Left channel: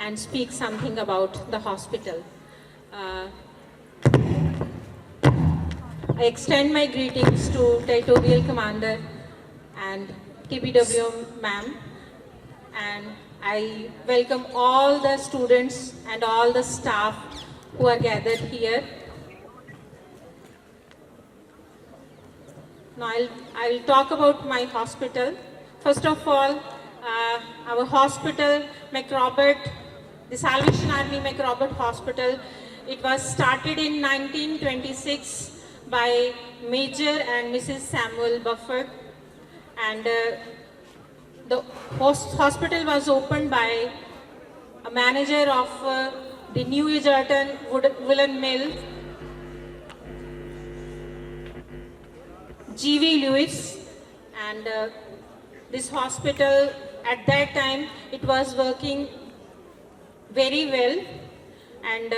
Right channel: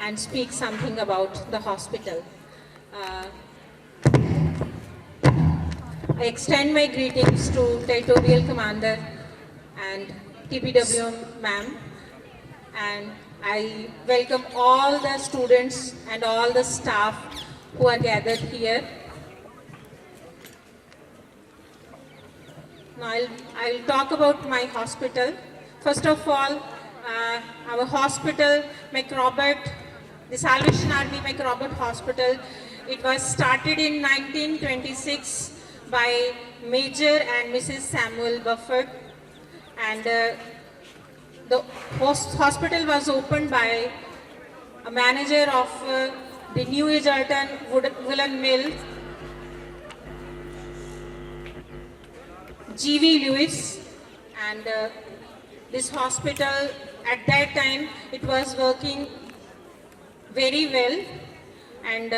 and speak something about the hospital. I extend my greetings to Territorial Commander and TPWM ma'am, and I welcome all the students and all the staff who are gathered here. Now I'll talk about my hospital. First of all, our hospital, McRobert, the Salvation Army McRobert Hospital, it was started in 1926 by Major and Mrs. Samuel Bufford, and the hospital was opened by a manager of the New Egerton Woolen Mill, G.V. Lewis, and this hospital at that time it was working very well, and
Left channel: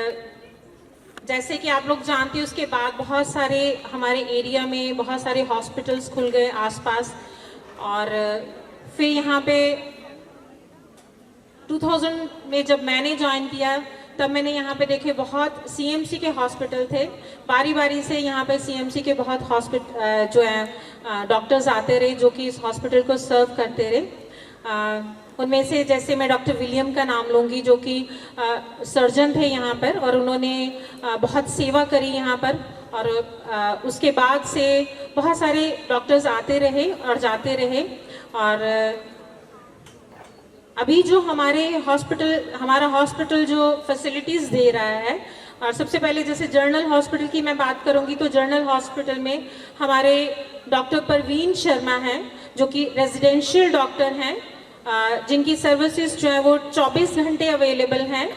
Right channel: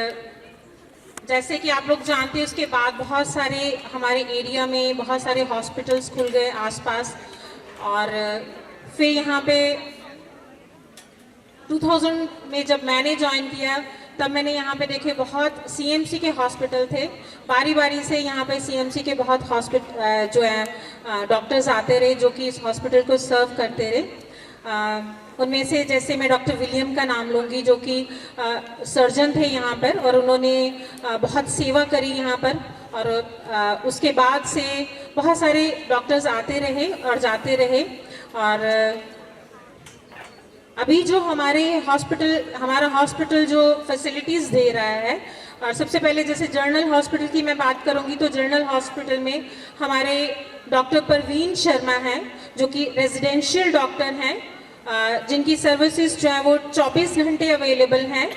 जैसे कि आप लोग जानते हैं उसके बाद बहुत सारे हमारे एरिया में बहुत सारे हॉस्पिटल्स खुल गए आसपास, और फिर यहाँ पे 2000 में जब मैंने ज्वाइन किया तब मैंने यहाँ पे देखे बहुत सीएमसी के हॉस्पिटल थे। बारी बारी से यहाँ पे सीएमसी के बहुत हॉस्पिटल जो है डॉक्टर्स आते रहे जो कि इस हॉस्पिटल को सर्व करते रहे। उनमें से जैसे मैं डॉक्टर विलियम का नाम लूँगी जो कि सर्जन थे यहाँ पर, और उन्होंने बहुत सेवा करी यहाँ पर, और उसके बाद से बहुत सारे डॉक्टर्स आते रहे और जाते रहे। और अभी जो हमारा हॉस्पिटल जो फैसिलिटीज़ दे रहा है, और सबसे पहले जैसे जनरल हॉस्पिटल की मैं बात करूंगी तो जनरल हॉस्पिटल में हमारे डॉक्टर परवीन शर्मा हैं जो कि रेजिडेंशियल डॉक्टर हैं, जिनकी सर्विसेज जो है वो 24 घंटे अवेलेबल हैं।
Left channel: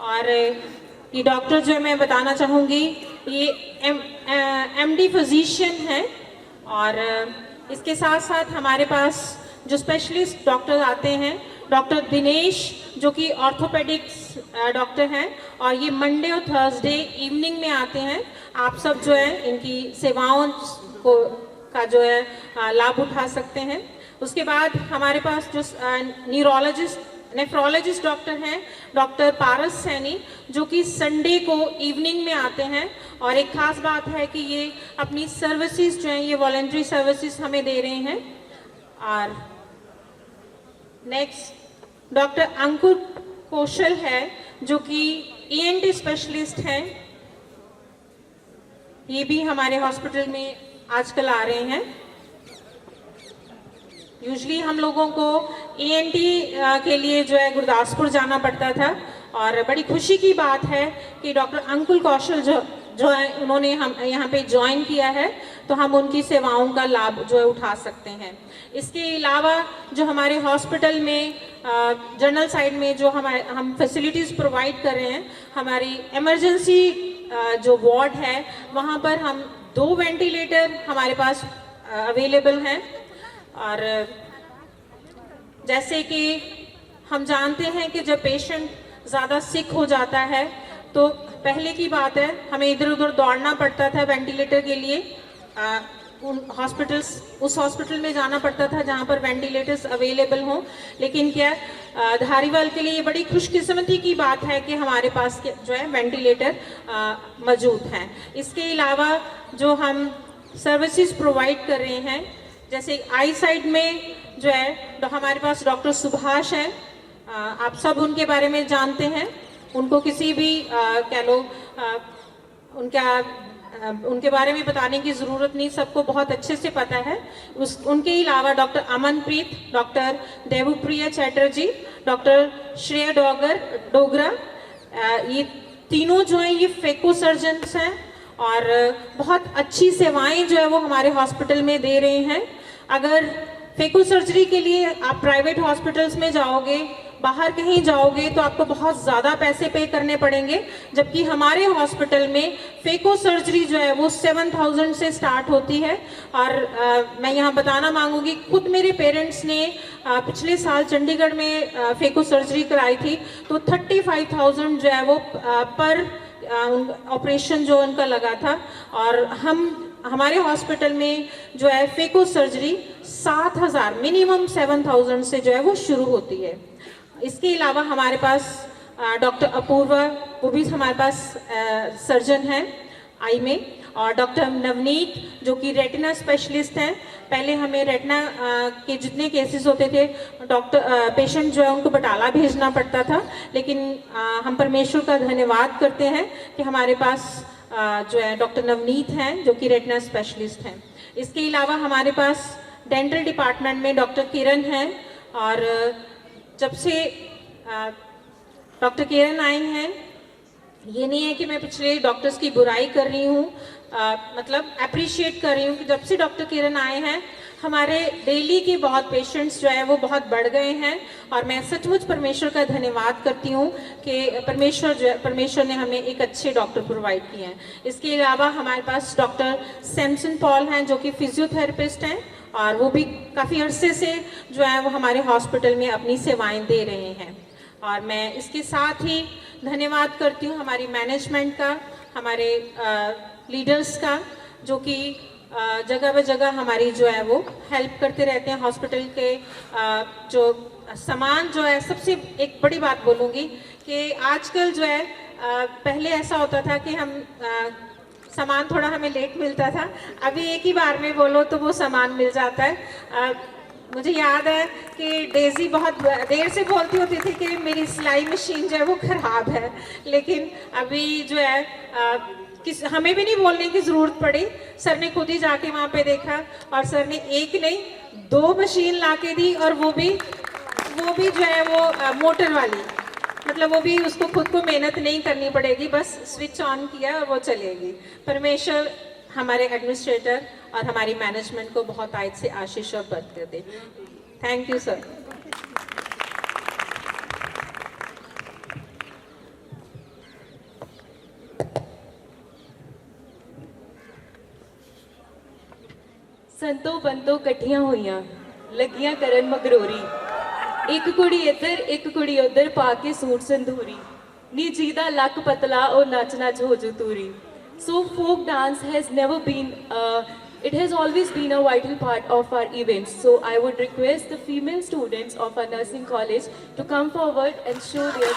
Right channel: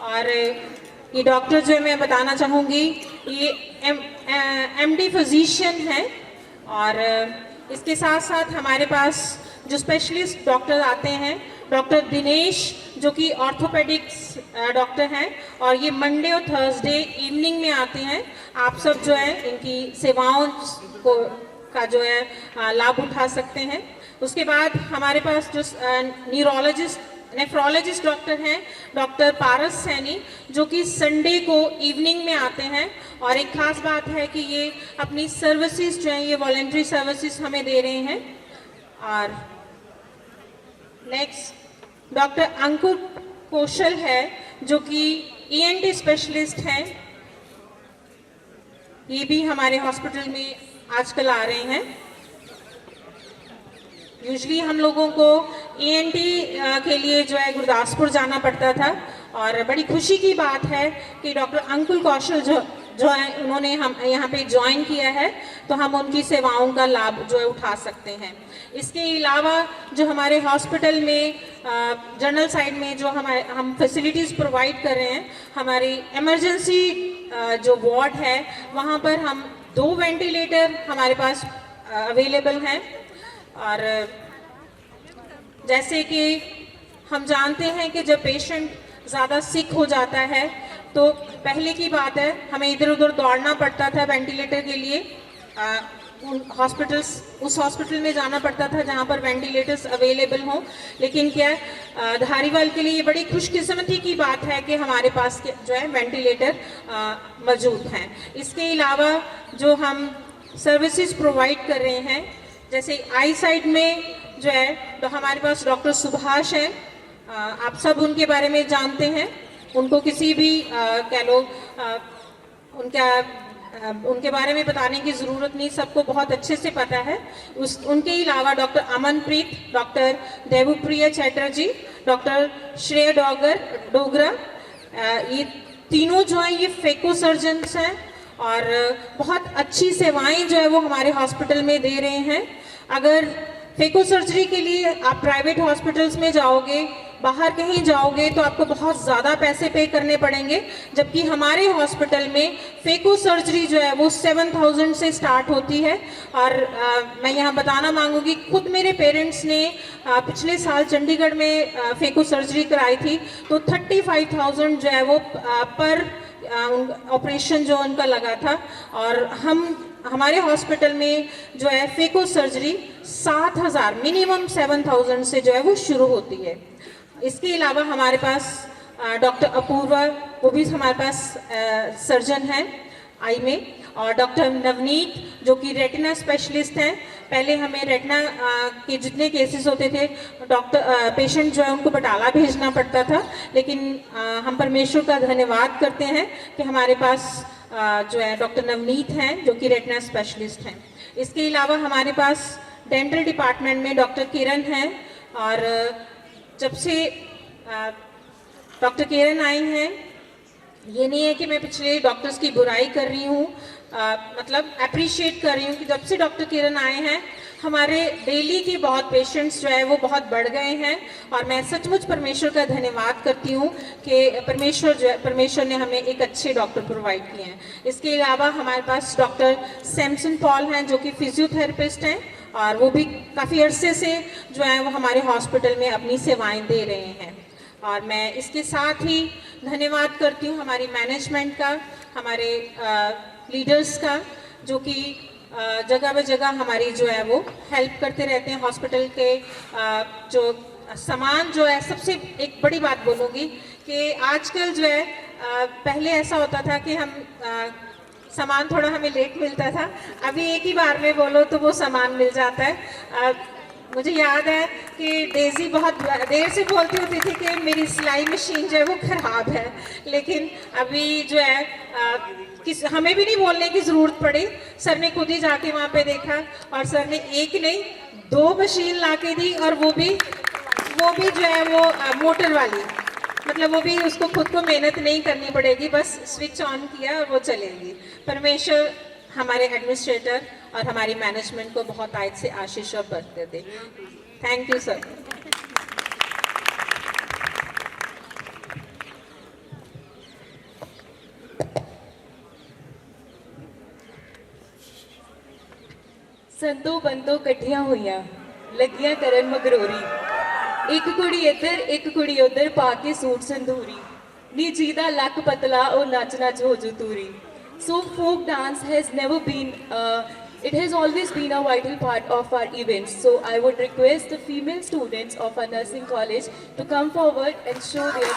और ये डॉक्टर जो है मैं बताना चाहूँगी ये एमडी फिजिशियन हैं, और इसके साथ साथ हमारे पास जो स्पेशलिस्ट डॉक्टर आते हैं, डॉक्टर दिनेश जो कि ऑर्थोपेडिक्स डॉक्टर हैं, और ये मंडे और थर्सडे इवनिंग में आते हैं। आप सब जो है इनकी सेवाओं का जो है लाभ उठा सकते हैं। उसके बाद हमारे पास जो नेफ्रोलॉजिस्ट डॉक्टर हैं डॉक्टर पारस सैनी जो कि संडे को इवनिंग में आते हैं, और एक खास बात है कि ये अपनी सर्विसेज जो हैं ये वॉलंटरी सर्विसेज हमें दे रहे हैं। और नेक्स्ट डॉक्टर अंकुर कौशल है जो कि ईएनटी स्पेशलिस्ट हैं, ये भी हमारे हॉस्पिटल में आजकल आ रहे हैं। यूजली हम लोगों को ईएनटी के लिए जो है गुरदासपुर जाना पड़ता था, और बड़ी खुशी की बात है कि डॉक्टर अंकुर कौशल जो है उन्होंने हम यहाँ पे ज्वाइन किया है, तो हम उनकी सेवाओं का लाभ जो है उठा सकते हैं। इसके अलावा जो हमारे हॉस्पिटल में जनरल साइड में जो हम फैसिलिटीज़ प्रोवाइड कर रहे हैं, हमारी इमरजेंसी जो वार्ड है वहाँ पर हम 2 वेंटिलेटर हमारे पास अवेलेबल हैं। और जैसे कि हम जानते हैं कि जब पेशेंट ज़्यादा सिक हो जाता है तो पहले की बात है हमें इधर उधर दौड़ना पड़ता था वेंटिलेटर के लिए, उस हॉस्पिटल में जाना पड़ता था जहाँ पर वेंटिलेटर्स अवेलेबल हों। लेकिन क्या धारीवाल के लिए ये बड़ी खुशकिस्मती की बात है कि हमारे पास जो है वेंटिलेटर मौजूद हैं। इसके अलावा जो हम सर्विसेज प्रोवाइड कर रहे हैं, जैसे आई साइड में जो है तो हमारे पास डॉक्टर सुभाष हैं, आप सब उनके बारे में जानते हैं, उनको किसी भी कह लो उनके बारे में बताने की ज़रूरत नहीं, सबको बहुत अच्छे से पता है। उनके अलावा doctor Amanpreet, doctor Devpriya Chatterjee, doctor Shrey Dogra, ये तीनों जो हैं ये फेको सर्जन्स हैं, और बहुत अच्छी सेवाएं जो है वो हमारे हॉस्पिटल में दे रहे हैं। अगर फेको सर्जरी के लिए आप प्राइवेट हॉस्पिटल्स में जाओगे, बाहर कहीं जाओगे तो आपको बहुत ज़्यादा पैसे पे करने पड़ेंगे, जबकि हमारे हॉस्पिटल में फेको सर्जरी जो है वो 7000 से स्टार्ट होती है। और मैं यहाँ बताना मांगूंगी, खुद मेरे पेरेंट्स ने पिछले साल चंडीगढ़ में फेको सर्जरी कराई थी, तो 35,000 जो है वो पर ऑपरेशन जो उनका लगा था। और हमारे हॉस्पिटल में जो है फेको सर्जरी 7000 मिनिमम 7000 से जो है वो शुरू होती है। इसके अलावा हमारे पास डॉक्टर अपूर्वा, वो भी हमारे पास सर्जन है आई में, और डॉक्टर नवनीत जो कि रेटिना स्पेशलिस्ट हैं। पहले हमें रेटिना के जितने केसेस होते थे डॉक्टर पेशेंट जो है उनको बटाला भेजना पड़ता था, लेकिन हम परमेश्वर का धन्यवाद करते हैं कि हमारे पास जो है डॉक्टर नवनीत हैं जो कि रेटिना स्पेशलिस्ट हैं। इसके अलावा हमारे पास डेंटल डिपार्टमेंट में डॉक्टर किरण हैं, और जब से डॉक्टर किरण आई हैं, ये नहीं है कि मैं पिछले डॉक्टर्स की बुराई कर रही हूँ, मतलब अप्रिशिएट कर रही हूँ कि जब से डॉक्टर किरण आए हैं हमारे डेली के बहुत पेशेंट्स जो है वो बहुत बढ़ गए हैं, और मैं सचमुच परमेश्वर का धन्यवाद करती हूँ कि परमेश्वर ने हमें एक अच्छे डॉक्टर प्रोवाइड किए हैं। इसके अलावा हमारे पास डॉक्टर सैमसन पॉल हैं जो कि फिजियोथेरेपिस्ट हैं, और वो भी काफ़ी अरसे से जो है वो हमारे हॉस्पिटल में अपनी सेवाएं दे रहे हैं। और मैं इसके साथ ही धन्यवाद करती हूँ हमारी मैनेजमेंट का, हमारे लीडर्स का, जो कि जगह ब जगह हमारी जो है वो हेल्प करते रहते हैं। हॉस्पिटल के जो सामान जो है, सबसे एक बड़ी बात बोलूँगी कि आजकल जो है पहले ऐसा होता था कि हम सामान थोड़ा हमें लेट मिलता था, अभी एक ही बार में बोलो तो वो सामान मिल जाता है। मुझे याद है कि डेजी बहुत देर से बोलती होती थी कि मेरी सिलाई मशीन जो है वो ख़राब है, लेकिन अभी जो है हमें भी नहीं बोलने की ज़रूरत पड़ी, सर ने खुद ही जाके वहाँ पे देखा और सर ने एक नहीं 2 मशीन ला के दी, और वो भी जो है वो मोटर वाली, मतलब वो भी उसको खुद को मेहनत नहीं करनी पड़ेगी, बस स्विच ऑन किया और वो चलेगी। परमेश्वर हमारे एडमिनिस्ट्रेटर और हमारी मैनेजमेंट को बहुत आयत से आशीष और बरकत दे। Thank you sir. संतो बंतो कट्ठियां हुईयां लगियां करन मगरोरी, एक कुड़ी इधर एक कुड़ी उधर पाके सूट संधूरी, नी जीदा लक पतला और नच नच हो जू Turi. So folk dance has never been, it has always been a vital part of our events. So I would request the female students of our nursing college to come forward and show their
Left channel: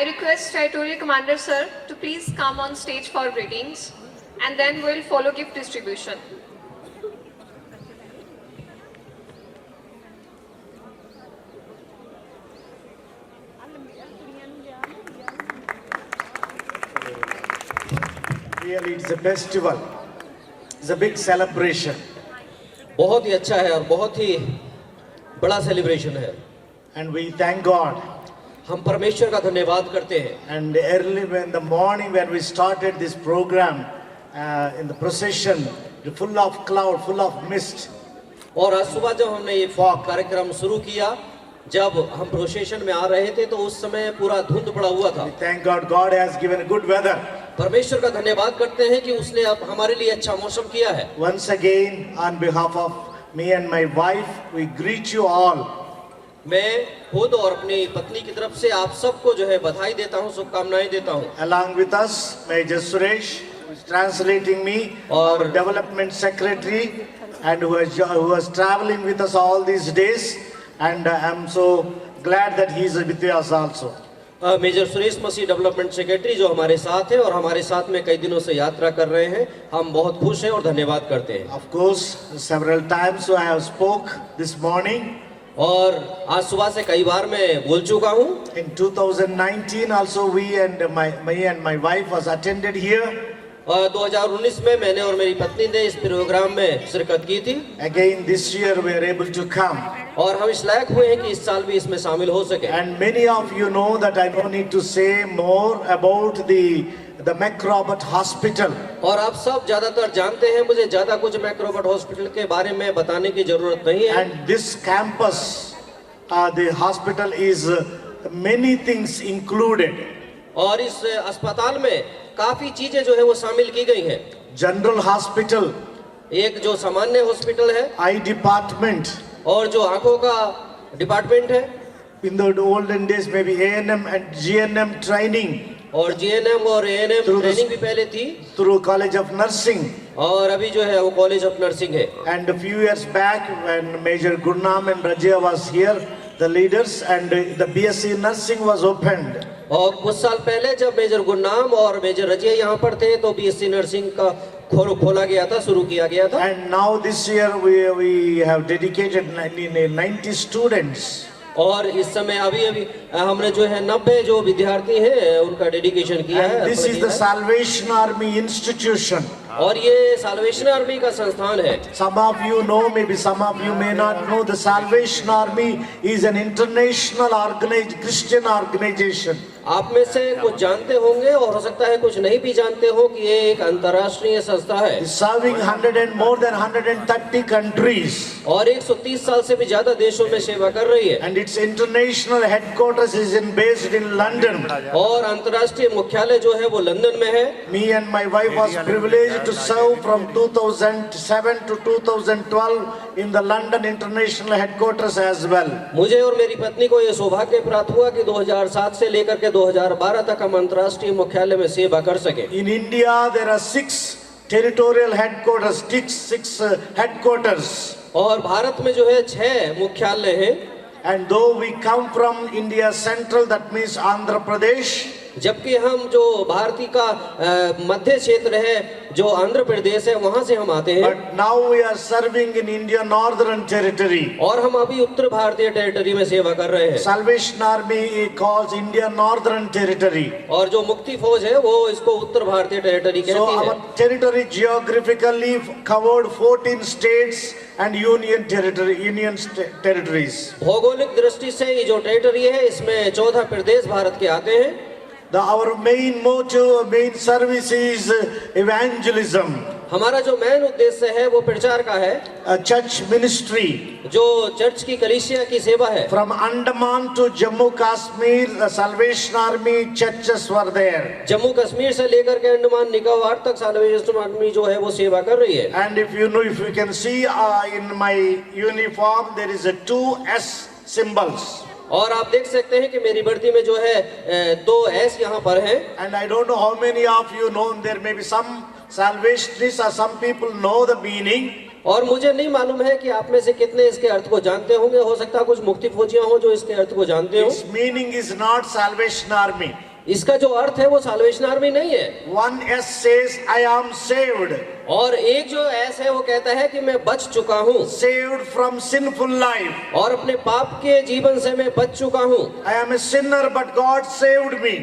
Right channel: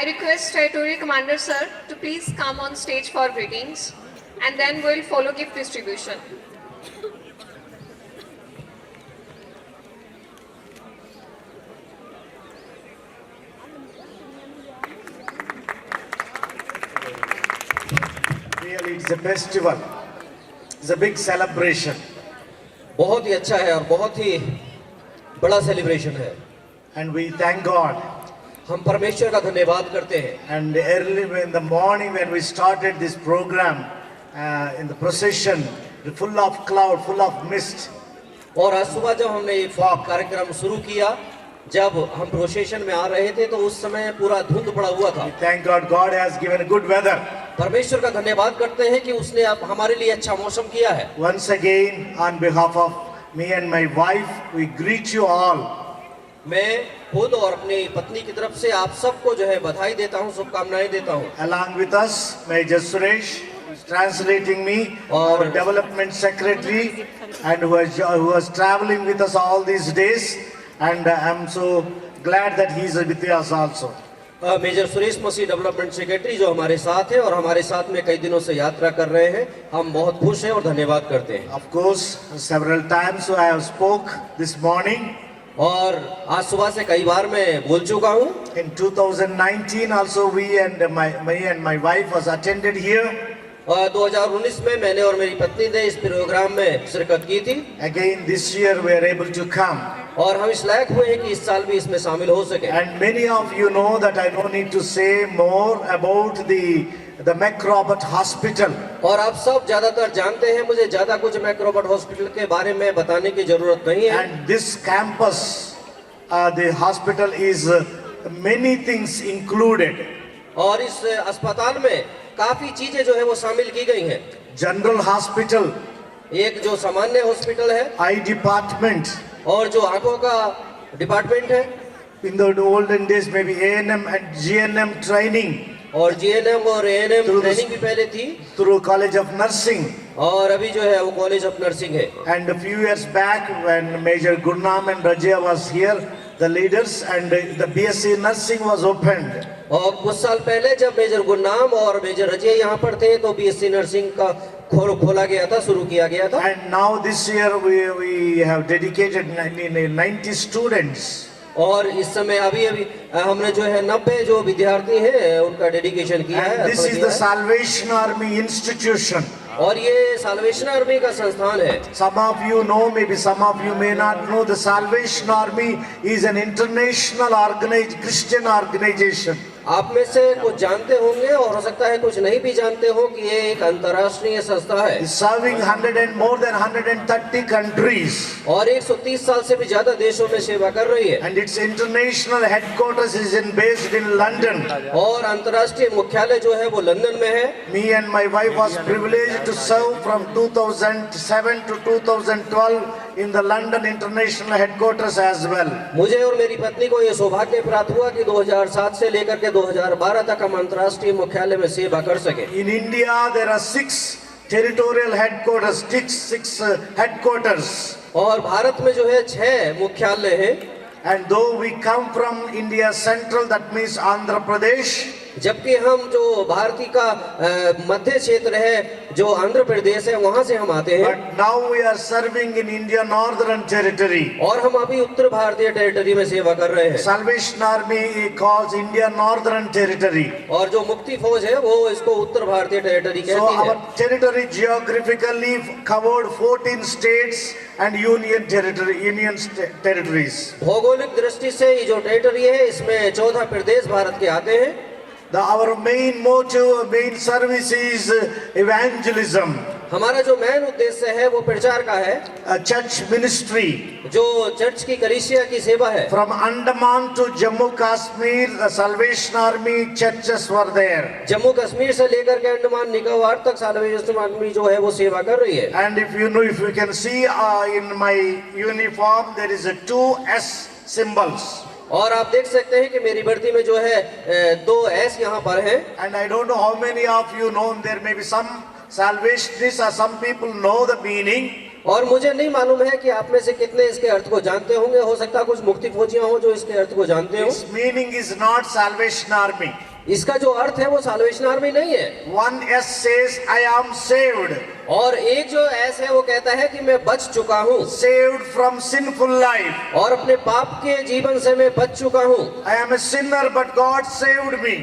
I request Territorial Commander Sir to please come on stage for greetings, and then we'll follow gift distribution. Really, it's a festival. It's a big celebration. बहुत ही अच्छा है और बहुत ही बड़ा सेलिब्रेशन है। And we thank God. हम परमेश्वर का धन्यवाद करते हैं। And early in the morning when we started this program, in the procession, full of cloud, full of mist. और आज सुबह जब हमने ये कार्यक्रम शुरू किया, जब हम प्रोसेशन में आ रहे थे तो उस समय पूरा धुंध पड़ा हुआ था। We thank God. God has given good weather. परमेश्वर का धन्यवाद करते हैं कि उसने अब हमारे लिए अच्छा मौसम किया है। Once again, on behalf of me and my wife, we greet you all. मैं खुद और अपनी पत्नी की तरफ से आप सबको जो है बधाई देता हूँ, शुभकामनाएं देता हूँ। Along with us, Major Suresh, who is translating me, our development secretary, and who was traveling with us all these days. And I'm so glad that he is with us also. Major Suresh Masih development secretary जो हमारे साथ है और हमारे साथ में कई दिनों से यात्रा कर रहे हैं, हम बहुत खुश हैं और धन्यवाद करते हैं। Of course, several times I have spoke this morning. और आज सुबह से कई बार मैं बोल चुका हूँ। In 2019 also me and my wife was attended here. 2019 में मैंने और मेरी पत्नी ने इस प्रोग्राम में शिरकत की थी। Again this year we are able to come. और हम इस लायक हुए हैं कि इस साल भी इसमें शामिल हो सके। And many of you know that I don't need to say more about the McRobert Hospital. और आप सब ज्यादातर जानते हैं, मुझे ज्यादा कुछ मैक्रॉबर्ट हॉस्पिटल के बारे में बताने की जरूरत नहीं है। And this campus, the hospital is many things included. और इस अस्पताल में काफी चीजें जो है वो शामिल की गई हैं। General Hospital, एक जो सामान्य हॉस्पिटल है, eye department. और जो आंखों का डिपार्टमेंट है, In the olden days maybe A&M and GNM training और जीएनएम और एएनएम Through the- ट्रेनिंग भी पहले थी, through College of Nursing. और अभी जो है वो कॉलेज ऑफ नर्सिंग है। And a few years back when Major Gurnam and Rajia was here, the leaders, and the BSc Nursing was opened. और कुछ साल पहले जब मेजर गुरनाम और मेजर रजिया यहाँ पर थे तो बीएससी नर्सिंग का खोला गया था, शुरू किया गया था। And now this year we have dedicated 90 students. और इस समय अभी हमने जो है 90 जो विद्यार्थी हैं उनका डेडिकेशन किया है। And this is the Salvation Army institution. और ये साल्वेशन आर्मी का संस्थान है। Some of you know, maybe some of you may not know, the Salvation Army is an international Christian organization. आप में से कुछ जानते होंगे और हो सकता है कुछ नहीं भी जानते हो कि ये एक अंतर्राष्ट्रीय संस्था है। It's serving more than 130 countries. और 130 साल से भी ज्यादा देशों में सेवा कर रही है। And its international headquarters is based in London. और अंतर्राष्ट्रीय मुख्यालय जो है वो लंदन में है। Me and my wife was privileged to serve from 2007 to 2012 in the London international headquarters as well. मुझे और मेरी पत्नी को ये सौभाग्य प्राप्त हुआ कि 2007 से लेकर के 2012 तक हम अंतर्राष्ट्रीय मुख्यालय में सेवा कर सके। In India there are 6 territorial headquarters, six headquarters. और भारत में जो है 6 मुख्यालय हैं। And though we come from India Central, that means Andhra Pradesh. जबकि हम जो भारतीय का मध्य क्षेत्र है, जो आंध्र प्रदेश है, वहां से हम आते हैं। But now we are serving in India Northern Territory. और हम अभी उत्तर भारतीय टेरिटरी में सेवा कर रहे हैं। Salvation Army calls India Northern Territory. और जो मुक्ति फौज है वो इसको उत्तर भारतीय टेरिटरी So कहती है। our territory geographically covered 14 states and union territories. भौगोलिक दृष्टि से ये जो टेरिटरी है इसमें 14 प्रदेश भारत के आते हैं। Our main motive, main service is evangelism. हमारा जो मेन उद्देश्य है वो प्रचार का है। A church ministry. जो चर्च की कलीसिया की सेवा है। From Andaman to Jammu Kashmir, the Salvation Army churches were there. Jammu कश्मीर से लेकर के अंडमान निकोबार तक साल्वेशन आर्मी जो है वो सेवा कर रही है। And if you can see in my uniform, there is a 2S symbols. और आप देख सकते हैं कि मेरी वर्दी में जो है 2 S यहाँ पर है। And I don't know how many of you know, there may be some salvationists or some people know the meaning. और मुझे नहीं मालूम है कि आप में से कितने इसके अर्थ को जानते होंगे। हो सकता है कुछ मुक्ति फौजियां हो जो इसके अर्थ को जानते हो। Its meaning is not Salvation Army. इसका जो अर्थ है वो साल्वेशन आर्मी नहीं है। One S says, I am saved. और एक जो एस है वो कहता है कि मैं बच चुका हूँ, Saved from sinful life. और अपने पाप के जीवन से मैं बच चुका हूँ। I am a sinner, but God saved me.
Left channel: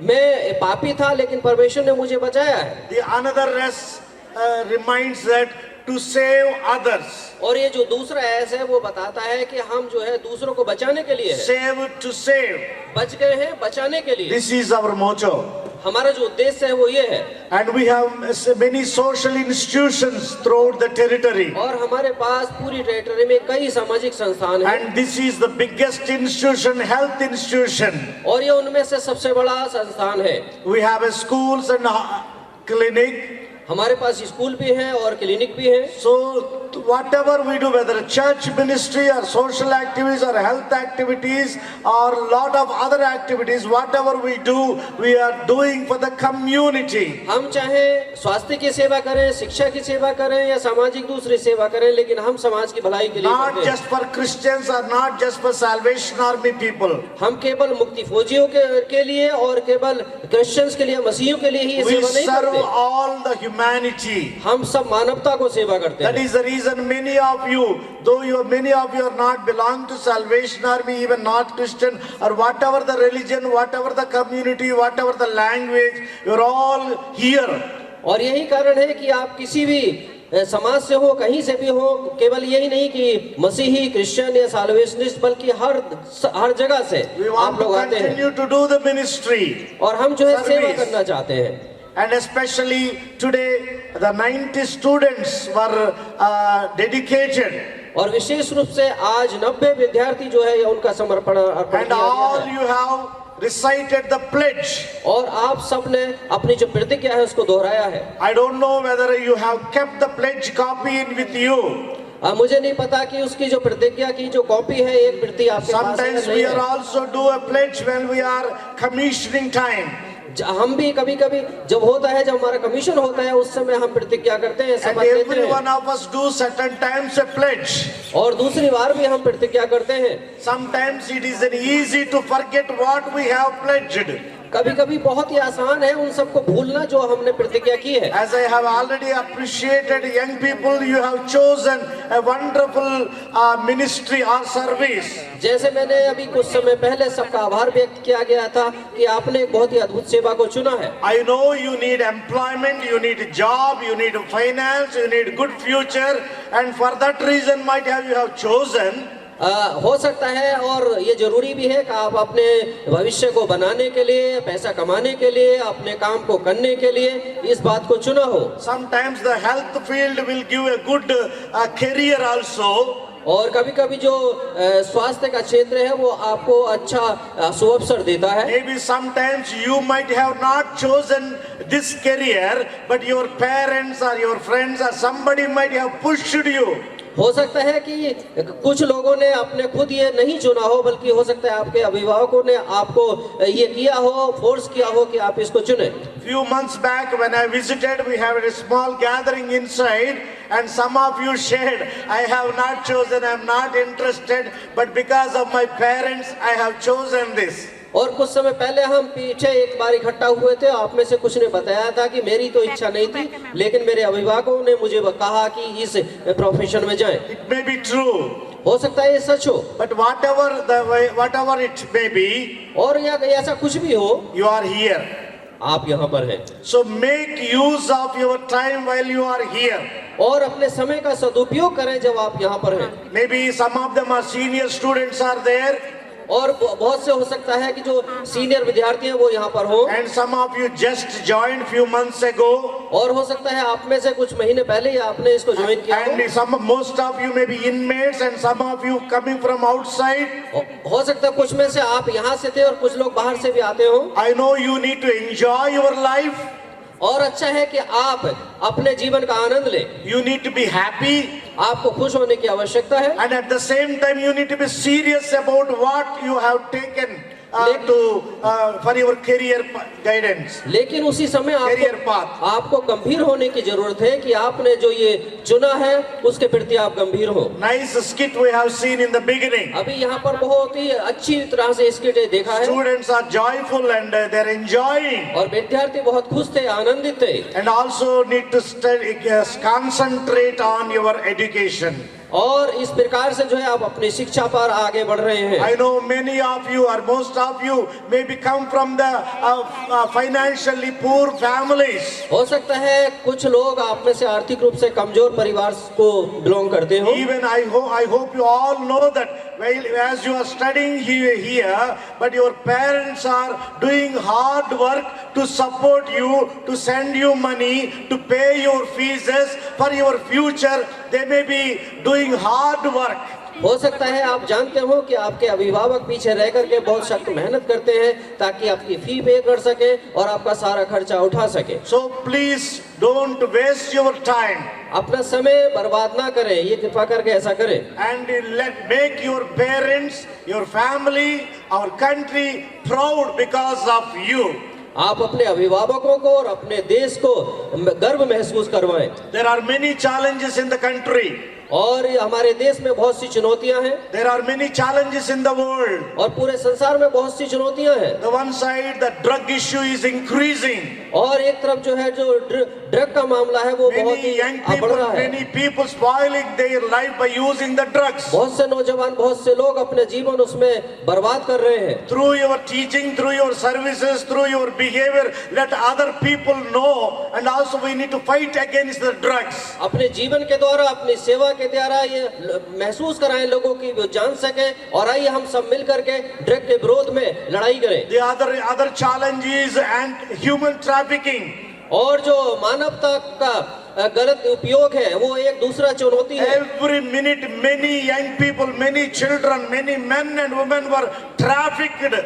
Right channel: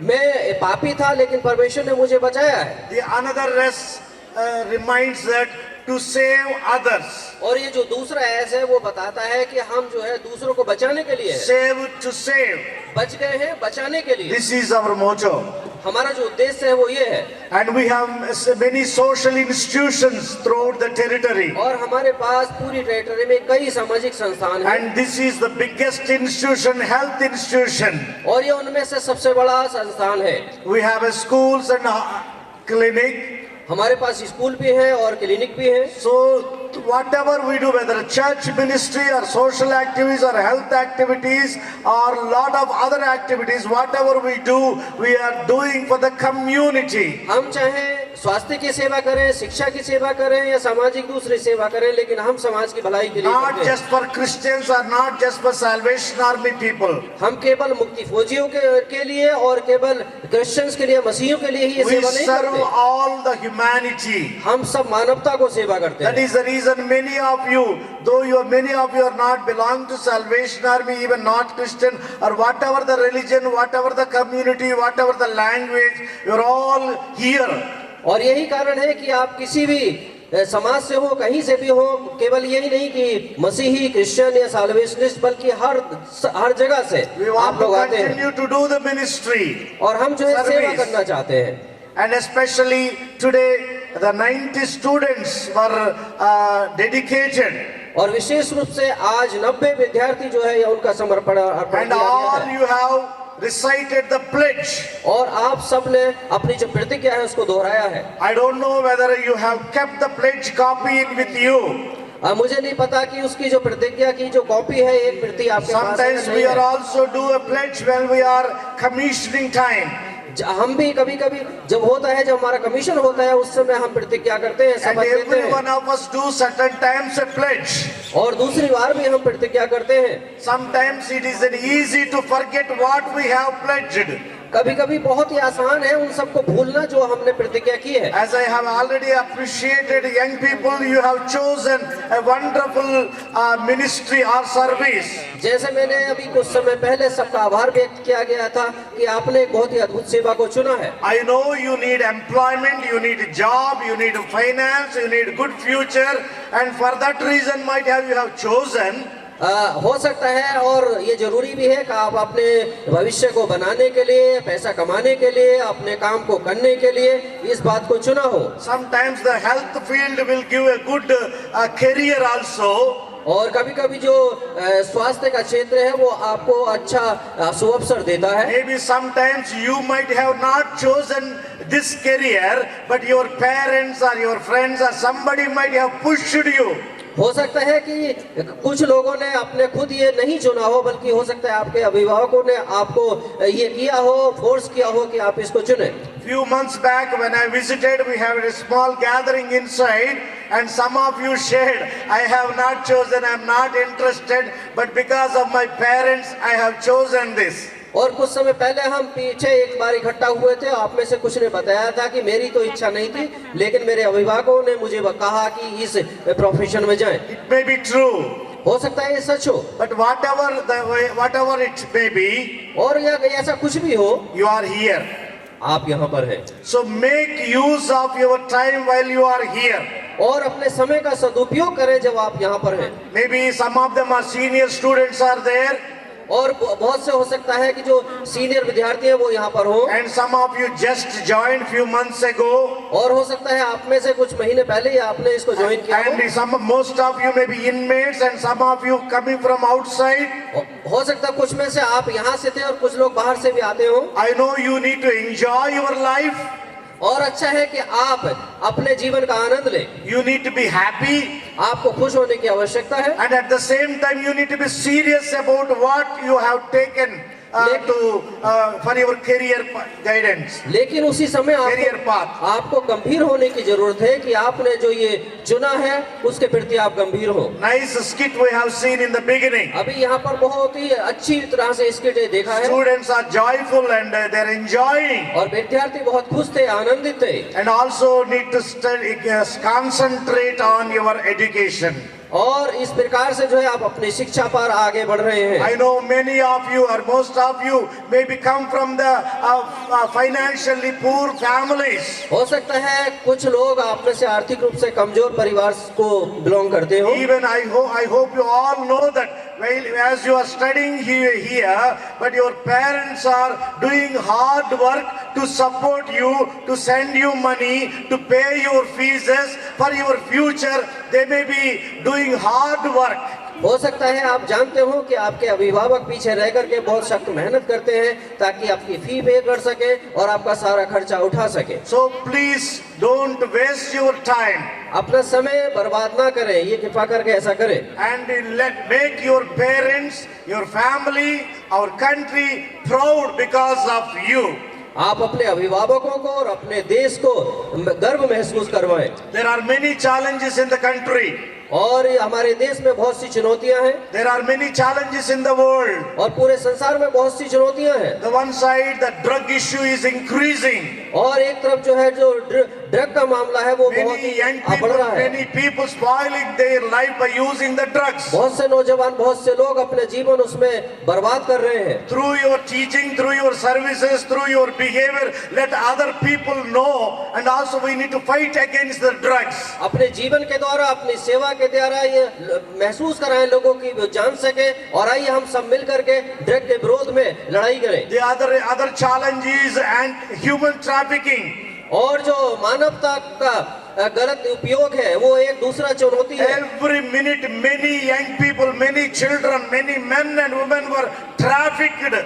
मैं पापी था लेकिन परमेश्वर ने मुझे बचाया है। The another S reminds that to save others. और ये जो दूसरा एस है वो बताता है कि हम जो है दूसरों को बचाने के लिए है। Save to save. बच गए हैं बचाने के लिए। This is our motto. हमारा जो उद्देश्य है वो ये है। And we have many social institutions throughout the territory. और हमारे पास पूरी टेरिटरी में कई सामाजिक संस्थान हैं। And this is the biggest institution, health institution. और ये उनमें से सबसे बड़ा संस्थान है। We have a schools and clinic. हमारे पास स्कूल भी है और क्लिनिक भी है। So whatever we do, whether a church ministry or social activities or health activities or lot of other activities, whatever we do, we are doing for the community. हम चाहे स्वास्थ्य की सेवा करें, शिक्षा की सेवा करें या सामाजिक दूसरी सेवा करें, लेकिन हम समाज की भलाई के लिए Not करते हैं। just for Christians or not just for Salvation Army people. हम केवल मुक्ति फौजियों के लिए और केवल क्रिश्चियंस के लिए, मसीहियों के लिए ही ये We सेवा नहीं serve करते। all the humanity. हम सब मानवता को सेवा करते That हैं। is the reason many of you, many of you are not belong to Salvation Army, even not Christian, or whatever the religion, whatever the community, whatever the language, you're all here. और यही कारण है कि आप किसी भी समाज से हो, कहीं से भी हो, केवल यही नहीं कि मसीही, क्रिश्चियन या साल्वेशनिस्ट, बल्कि हर जगह से We want आप to लोग आते हैं। continue to do the ministry. और हम जो है सेवा Service. करना चाहते हैं। And especially today, the 90 students were dedicated. और विशेष रूप से आज 90 विद्यार्थी जो है उनका समर्पण अर्पण And किया all गया है। you have recited the pledge. और आप सब ने अपनी जो प्रतिज्ञा है उसको दोहराया है। I don't know whether you have kept the pledge copy with you. मुझे नहीं पता कि उसकी जो प्रतिज्ञा की जो कॉपी है, एक प्रति आपके पास है या Sometimes नहीं we है। are also do a pledge when we are commissioning time. हम भी कभी कभी जब होता है, जब हमारा कमीशन होता है, उस समय हम प्रतिज्ञा करते हैं, And शपथ लेते every हैं। one of us do certain times a pledge. और दूसरी बार भी हम प्रतिज्ञा करते हैं। Sometimes it is easy to forget what we have pledged. कभी कभी बहुत ही आसान है उन सबको भूलना जो हमने प्रतिज्ञा की है। As I have already appreciated young people, you have chosen a wonderful ministry or service. जैसे मैंने अभी कुछ समय पहले सबका आभार व्यक्त किया गया था कि आपने एक बहुत ही अद्भुत सेवा को चुना है। I know you need employment, you need a job, you need finance, you need good future, and for that reason might have you have chosen. हो सकता है और ये जरूरी भी है कि आप अपने भविष्य को बनाने के लिए, पैसा कमाने के लिए, अपने काम को करने के लिए इस बात को चुना हो। Sometimes the health field will give a good career also. और कभी कभी जो स्वास्थ्य का क्षेत्र है वो आपको अच्छा सुअवसर देता है। Maybe sometimes you might have not chosen this career, but your parents or your friends or somebody might have pushed you. हो सकता है कि कुछ लोगों ने अपने खुद ये नहीं चुना हो, बल्कि हो सकता है आपके अभिभावकों ने आपको ये किया हो, फोर्स किया हो कि आप इसको चुने। Few months back when I visited, we had a small gathering inside, and some of you shared, I have not chosen, I am not interested, but because of my parents, I have chosen this. और कुछ समय पहले हम पीछे एक बार इकट्ठा हुए थे, आप में से कुछ ने बताया था कि मेरी तो इच्छा नहीं थी, लेकिन मेरे अभिभावकों ने मुझे कहा कि इस प्रोफेशन में जाएं। It may be true, हो सकता है ये सच हो, but whatever it may be, और या ऐसा कुछ भी हो, you are here. आप यहाँ पर हैं। So make use of your time while you are here. और अपने समय का सदुपयोग करें जब आप यहाँ पर हैं। Maybe some of them are senior students are there, और बहुत से हो सकता है कि जो सीनियर विद्यार्थी हैं वो यहाँ पर हो, and some of you just joined few months ago, और हो सकता है आप में से कुछ महीने पहले ही आपने इसको ज्वाइन किया and most of you may be inmates, and some of you coming from outside. हो सकता है कुछ में से आप यहाँ से थे और कुछ लोग बाहर से भी आते हो। I know you need to enjoy your life. और अच्छा है कि आप अपने जीवन का आनंद लें। You need to be happy, आपको खुश होने की आवश्यकता है, and at the same time you need to be serious about what you have taken for your career guidance, लेकिन उसी समय career path. आपको गंभीर होने की जरूरत है कि आपने जो ये चुना है उसके प्रति आप गंभीर हो। Nice skit we have seen in the beginning. अभी यहाँ पर बहुत ही अच्छी तरह से इसके देखा है Students are joyful and they're enjoying, और विद्यार्थी बहुत खुश थे, आनंदित थे। and also need to study, concentrate on your education. और इस प्रकार से जो है आप अपनी शिक्षा पर आगे बढ़ रहे हैं। I know many of you or most of you maybe come from the financially poor families. हो सकता है कुछ लोग आप में से आर्थिक रूप से कमजोर परिवार को बिलोंग करते हो। Even I hope you all know that while as you are studying here, but your parents are doing hard work to support you, to send you money, to pay your fees for your future. They may be doing hard work. हो सकता है आप जानते हो कि आपके अभिभावक पीछे रह करके बहुत सख्त मेहनत करते हैं ताकि आपकी फी पे कर सके और आपका सारा खर्चा उठा सके। So please don't waste your time. अपना समय बर्बाद ना करें, ये कृपा करके ऐसा करें। And make your parents, your family, our country proud because of you. आप अपने अभिभावकों को और अपने देश को गर्व महसूस करवाएं। There are many challenges in the country. और हमारे देश में बहुत सी चुनौतियां हैं। There are many challenges in the world. और पूरे संसार में बहुत सी चुनौतियां हैं। The one side, the drug issue is increasing. और एक तरफ जो है जो ड्रग का मामला है वो बहुत Many ही young बढ़ people, रहा है। many people spoiling their life by using the drugs. बहुत से नौजवान, बहुत से लोग अपने जीवन उसमें बर्बाद कर रहे हैं। Through your teaching, through your services, through your behavior, let other people know, and also we need to fight against the drugs. अपने जीवन के द्वारा, अपनी सेवा के द्वारा ये महसूस कराएं लोगों की वो जान सके और आइए हम सब मिल करके ड्रग के विरोध में लड़ाई करें। The other challenge is and human trafficking. और जो मानवता का गलत उपयोग है वो एक दूसरा चुनौती है। Every minute, many young people, many children, many men and women were trafficked.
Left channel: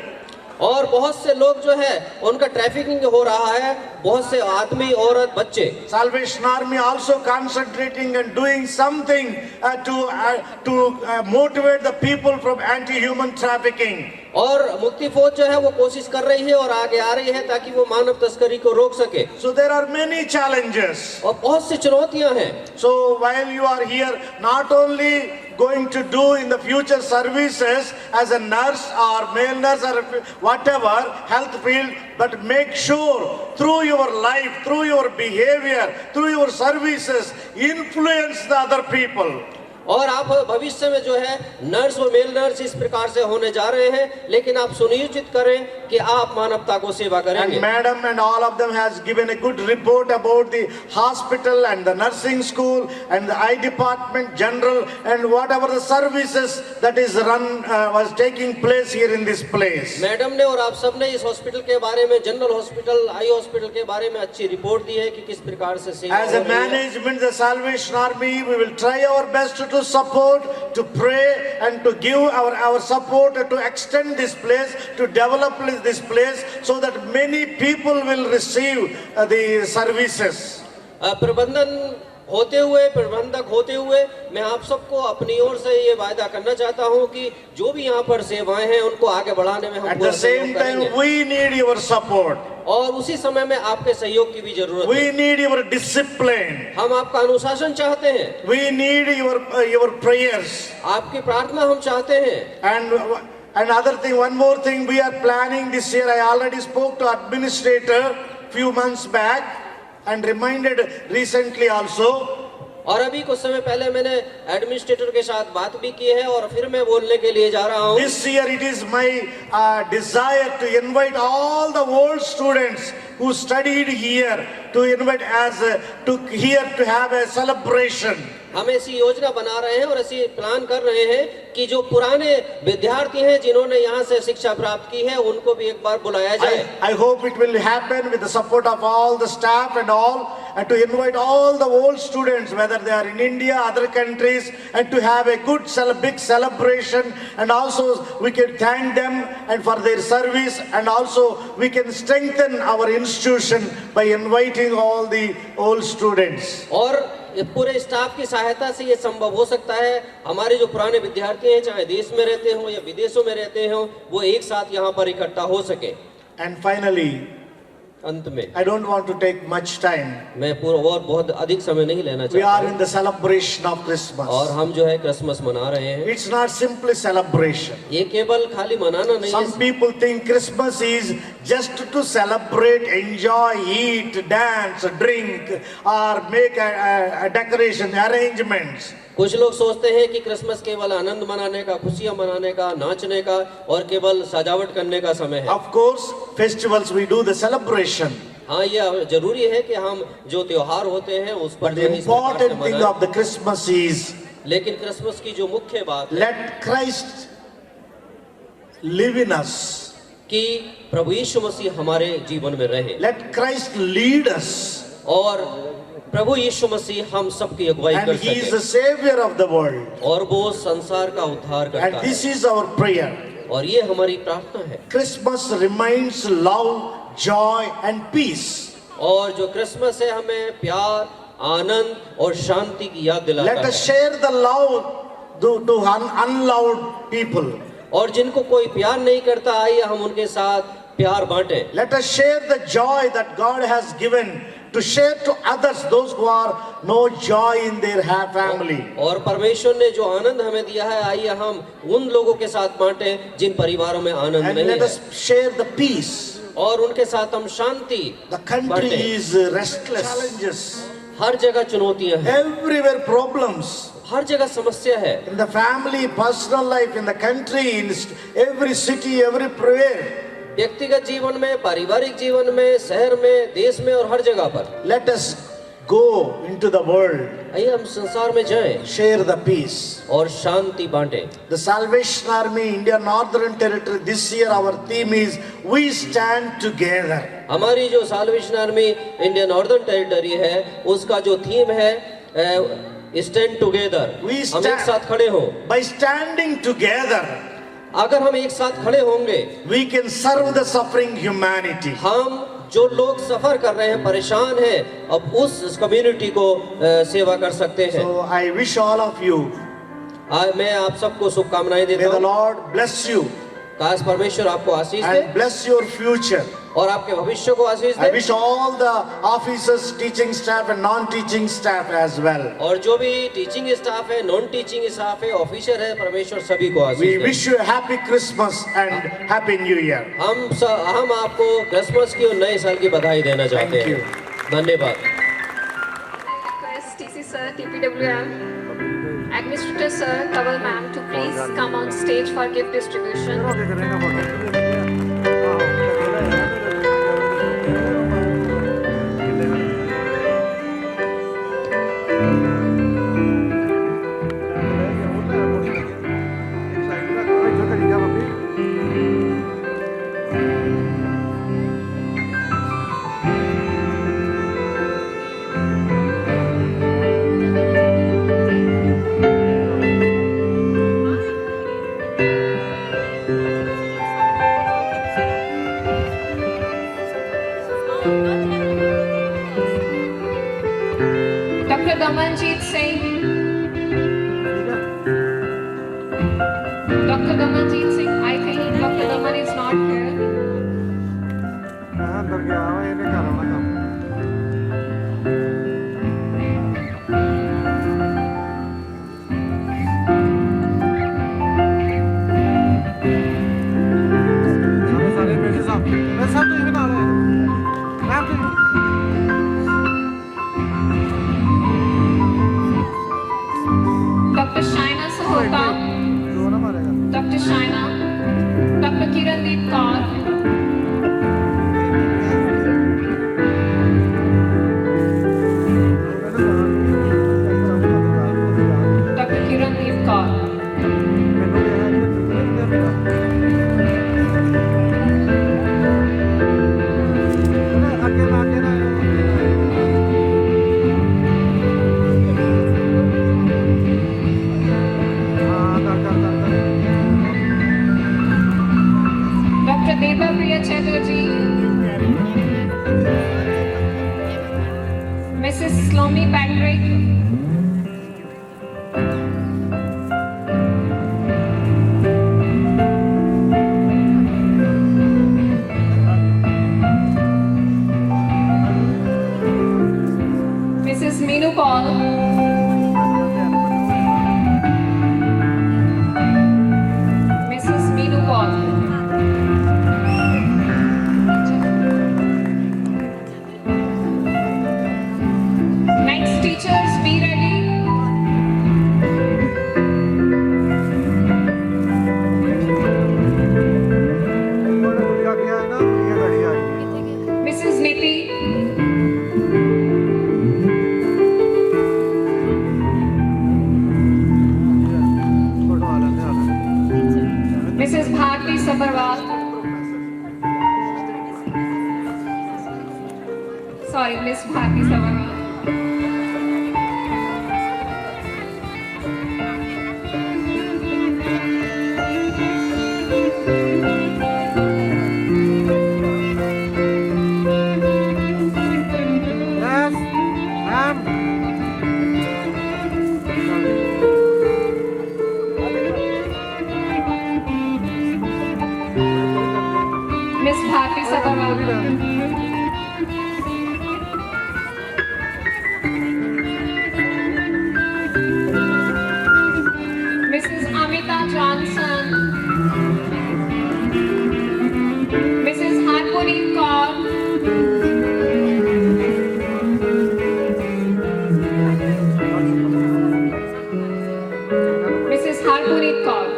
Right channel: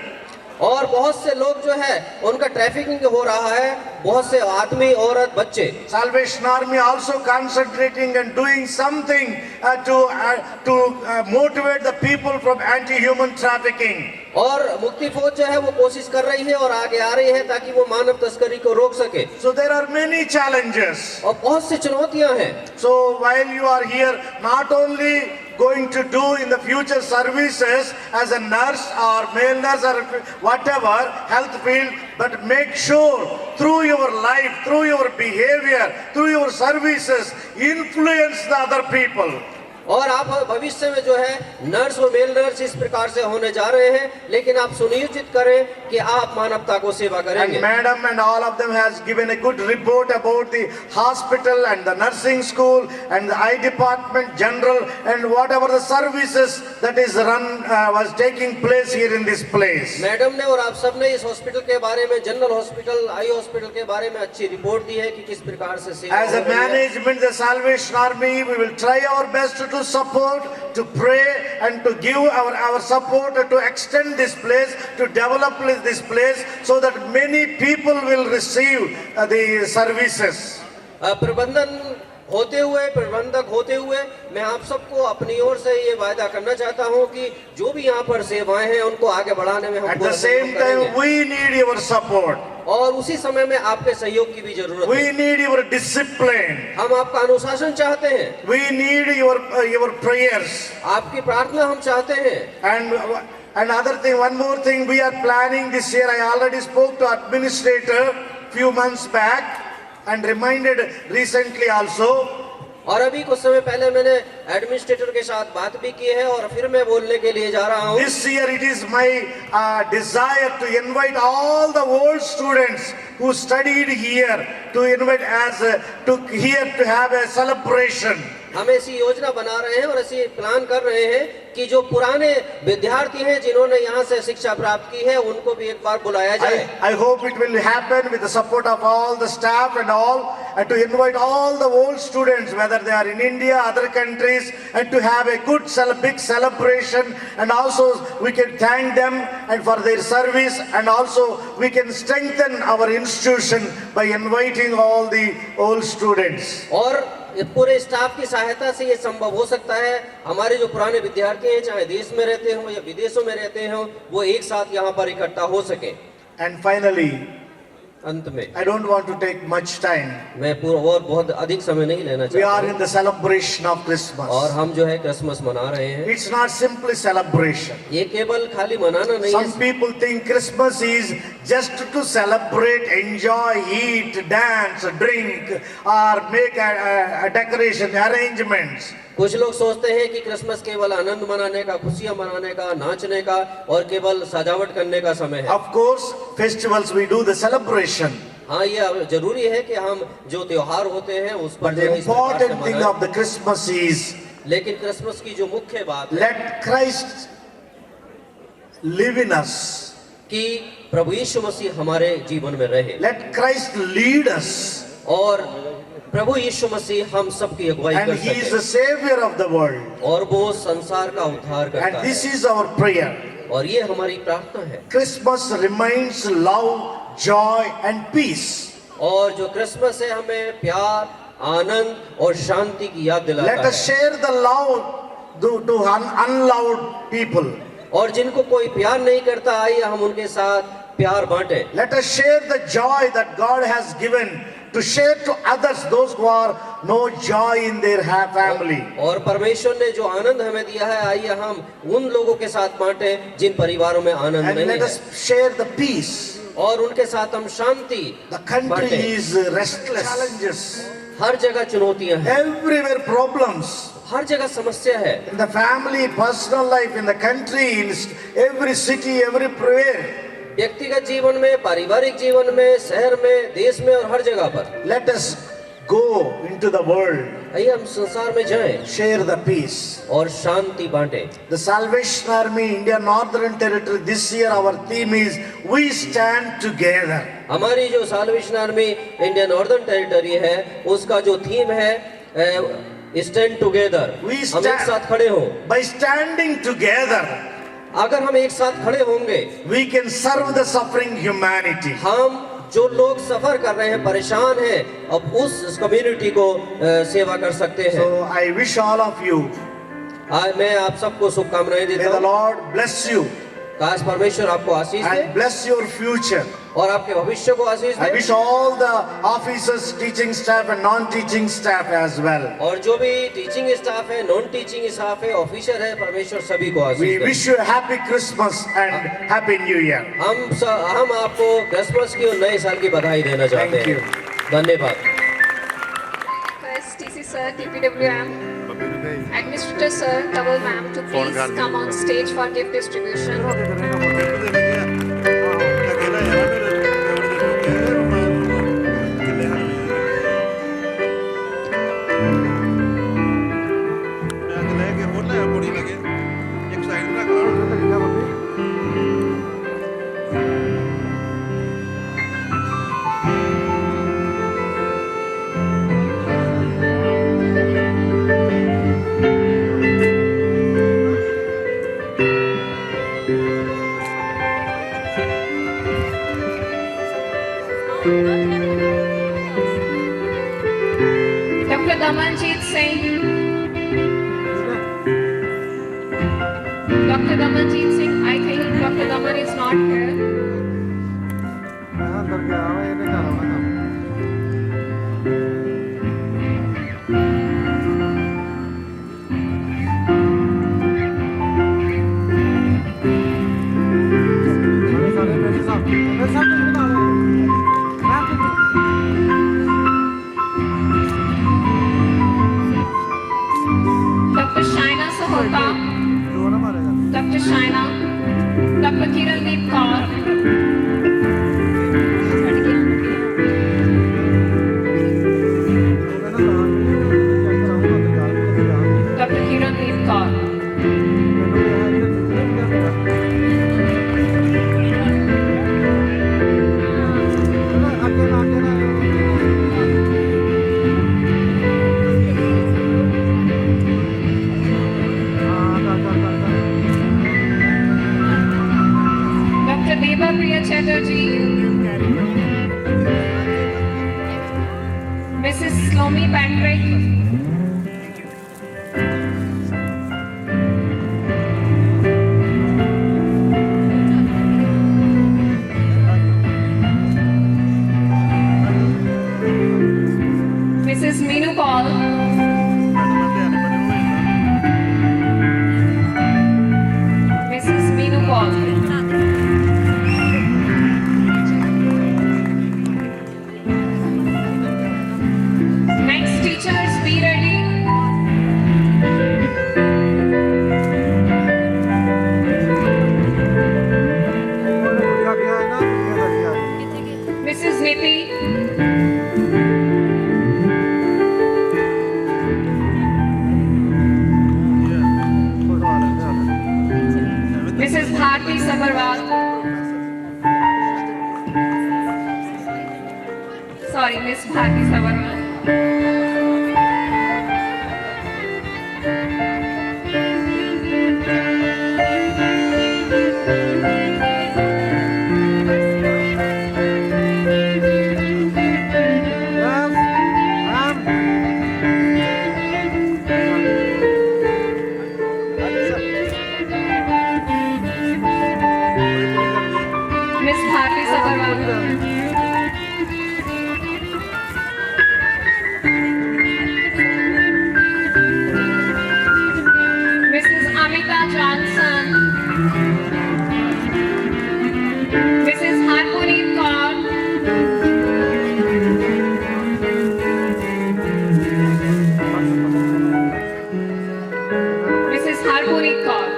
और बहुत से लोग जो है उनका ट्रैफिकिंग हो रहा है, बहुत से आदमी, औरत, बच्चे। Salvation Army also concentrating and doing something to motivate the people from anti-human trafficking. और मुक्ति फौज जो है वो कोशिश कर रही है और आगे आ रही है ताकि वो मानव तस्करी को रोक सके। So there are many challenges. और बहुत सी चुनौतियां हैं। So while you are here, not only going to do in the future services as a nurse or male nurse or whatever health field, but make sure through your life, through your behavior, through your services, influence the other people. और आप भविष्य में जो है नर्स और male nurse इस प्रकार से होने जा रहे हैं, लेकिन आप सुनिश्चित करें कि आप मानवता को सेवा करेंगे। And madam and all of them has given a good report about the hospital and the nursing school and the eye department general and whatever the services that is run was taking place here in this place. Madam ने और आप सब ने इस हॉस्पिटल के बारे में, general hospital, eye hospital के बारे में अच्छी रिपोर्ट दी है कि किस प्रकार से सेवा As हो a रही है। management, the Salvation Army, we will try our best to support, to pray and to give our support to extend this place, to develop this place so that many people will receive the services. प्रबंधन होते हुए, प्रबंधक होते हुए मैं आप सबको अपनी ओर से ये वायदा करना चाहता हूँ कि जो भी यहाँ पर सेवाएं हैं उनको आगे बढ़ाने में हम At the same time, we need your support. और उसी समय में आपके सहयोग की भी जरूरत है। We need your discipline. हम आपका अनुशासन चाहते हैं। We need your prayers. आपकी प्रार्थना हम चाहते हैं। And another thing, one more thing we are planning this year. I already spoke to administrator few months back and reminded recently also. और अभी कुछ समय पहले मैंने एडमिनिस्ट्रेटर के साथ बात भी की है और फिर मैं बोलने के लिए जा रहा हूँ। This year it is my desire to invite all the old students who studied here to invite to have a celebration. हम ऐसी योजना बना रहे हैं और ऐसी प्लान कर रहे हैं कि जो पुराने विद्यार्थी हैं जिन्होंने यहाँ से शिक्षा प्राप्त की है उनको भी एक बार बुलाया जाए। I hope it will happen with the support of all the staff and all, and to invite all the old students, whether they are in India, other countries, and to have a good big celebration, and also we can thank them and for their service, and also we can strengthen our institution by inviting all the old students. और पूरे स्टाफ की सहायता से ये संभव हो सकता है। हमारे जो पुराने विद्यार्थी हैं, चाहे देश में रहते हो या विदेशों में रहते हो, वो एक साथ यहाँ पर इकट्ठा हो सके। And finally, अंत में I don't want to take much time. मैं पूरा और बहुत अधिक समय नहीं लेना We are चाहता in the celebration of और Christmas. हम जो है क्रिसमस मना रहे हैं। It's not simply celebration. ये केवल खाली मनाना नहीं Some है। people think Christmas is just to celebrate, enjoy, eat, dance, drink, or make a decoration, arrangements. कुछ लोग सोचते हैं कि क्रिसमस केवल आनंद मनाने का, खुशियां मनाने का, नाचने का और केवल सजावट करने का समय है। Of course, festivals we do the celebration. हाँ, ये जरूरी है कि हम जो त्योहार होते हैं उस पर But जो the है इस प्रकार से important thing मनाएं। of the Christmas is लेकिन क्रिसमस की जो मुख्य बात है let Christ live in us. कि प्रभु यीशु मसीह हमारे जीवन में रहे Let Christ lead us. और प्रभु यीशु मसीह हम सबकी अगुवाई And कर He is the सके Savior of the world. और वो संसार का उद्धार करता And this है is our prayer. और ये हमारी प्रार्थना है। Christmas reminds love, joy, and peace. और जो क्रिसमस है हमें प्यार, आनंद और शांति की याद दिलाता Let us है। share the love to unloved people. और जिनको कोई प्यार नहीं करता, आइए हम उनके साथ प्यार बांटे। Let us share the joy that God has given to share to others, those who are no joy in their family. और परमेश्वर ने जो आनंद हमें दिया है, आइए हम उन लोगों के साथ बांटे जिन परिवारों में आनंद And नहीं let है us share the peace. और उनके साथ हम शांति The country बांटे। is restless. Challenges. हर जगह चुनौतियां हैं, Everywhere problems. हर जगह समस्या है। In the family, personal life, in the country, in every city, everywhere. व्यक्तिगत जीवन में, पारिवारिक जीवन में, शहर में, देश में और हर जगह पर। Let us go into the world, आइए हम संसार में जाएं share the peace. और शांति बांटे। The Salvation Army, India Northern Territory, this year our theme is We Stand Together. हमारी जो Salvation Army Indian northern territory है, उसका जो थीम है स्टैंड टुगेदर, We हम एक stand- साथ खड़े हो। By standing together, अगर हम एक साथ खड़े होंगे, we can serve the suffering humanity. हम जो लोग सफर कर रहे हैं, परेशान हैं, अब उस कम्युनिटी को सेवा कर सकते हैं। So I wish all of you, आज मैं आप सबको शुभकामनाएं may देता the हूँ। Lord bless you काश परमेश्वर आपको आशीष दे and bless your future. और आपके भविष्य को आशीष I दे। wish all the officers, teaching staff and non-teaching staff as well. और जो भी टीचिंग स्टाफ है, नॉन टीचिंग स्टाफ है, ऑफिसर है, परमेश्वर सभी को We आशीष दे। wish you a happy Christmas and happy New Year. हम आपको क्रिसमस की और नए साल की बधाई देना चाहते Thank हैं। धन्यवाद। Request TC sir, TPWM, Administrator sir, Kawal ma'am to please come on stage for gift distribution. Dr. Damanjeet Singh. Dr. Damanjeet Singh, I think Dr. Daman is not here. Dr. Shaina Sahota. Dr. Shaina. Ritwik. Mrs. Meenu Paul. Mrs. Meenu Paul. Next, teachers, be ready. Mrs. Niti. Mrs. Bharti Sabharwal. Sorry, Miss Bharti Sabharwal. Miss Bharti Sabharwal. Mrs. Amita Johnson. Mrs. Harpuri Kaur. Mrs. Harpuri Kaur.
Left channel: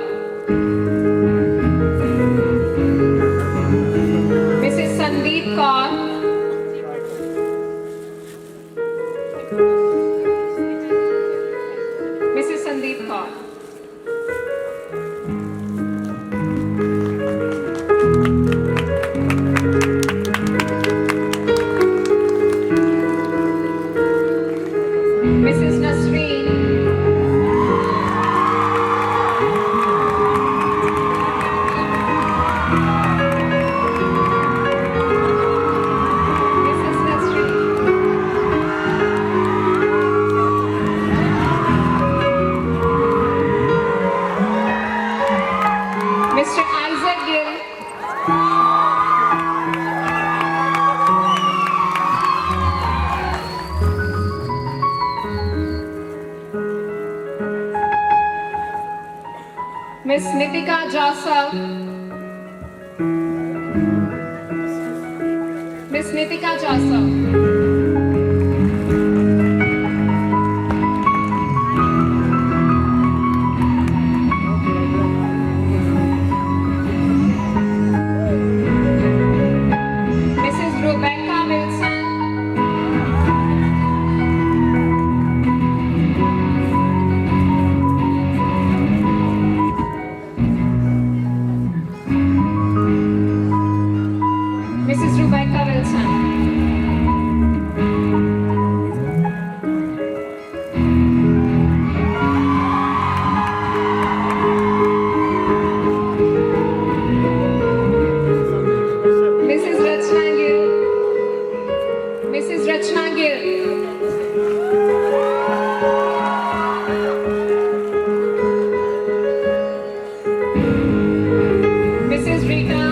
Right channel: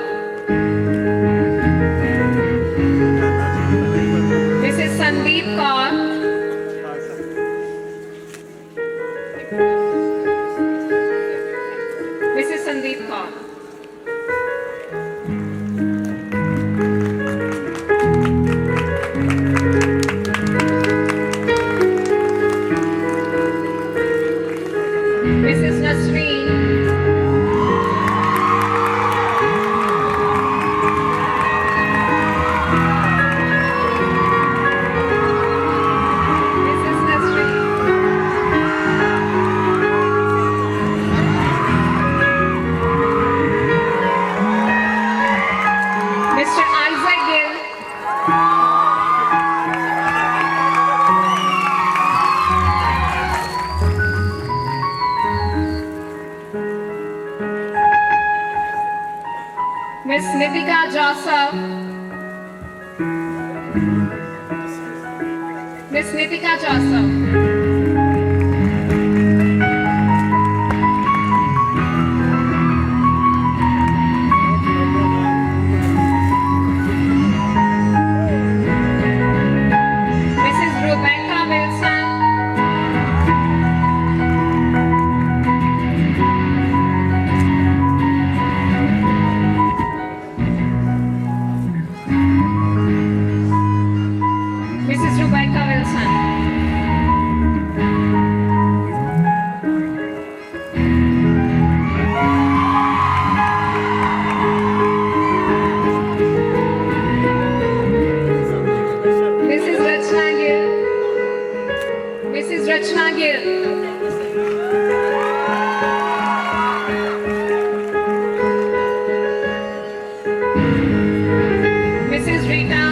Mrs. Sandeep Kaur. Mrs. Sandeep Kaur. Mrs. Nasreen. Mrs. Nasreen. Mr. Isaac Gill. Miss Nitika Joseph. Miss Nitika Joseph. Mrs. Rebecca Wilson. Mrs. Rebecca Wilson. Mrs. Rachna Gill. Mrs. Rachna Gill. Mrs. Rita.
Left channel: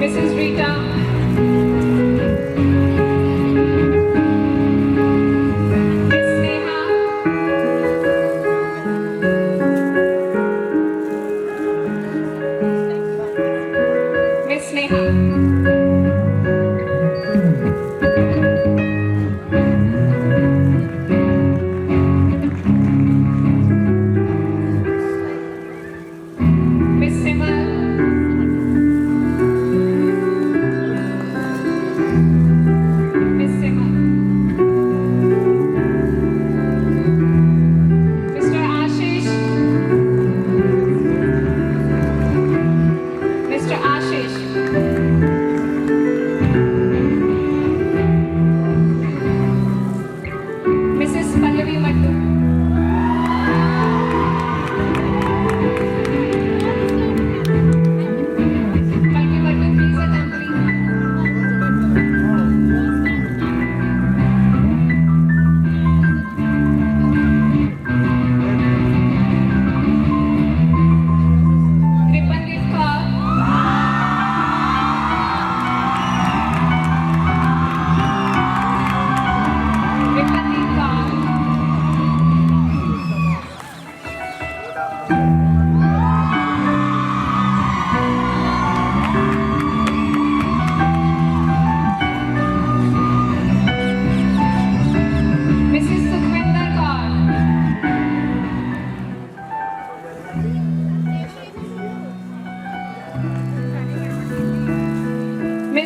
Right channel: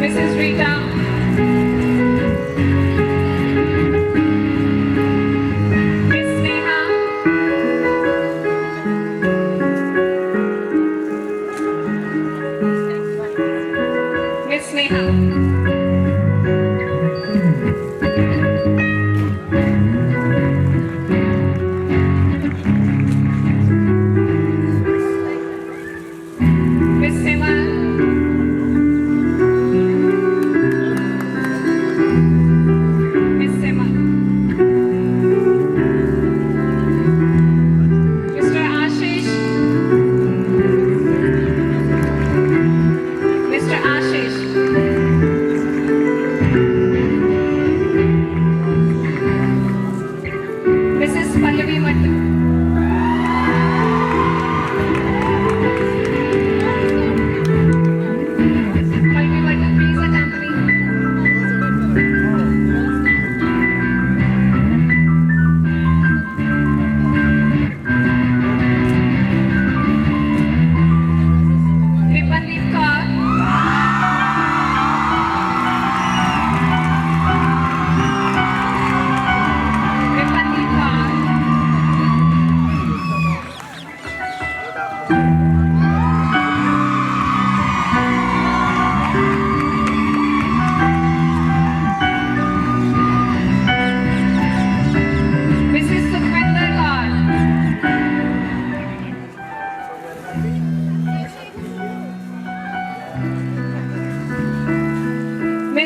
Mrs. Rita. Miss Neha. Miss Neha. Miss Simar. Miss Simar. Mr. Ashish. Mr. Ashish.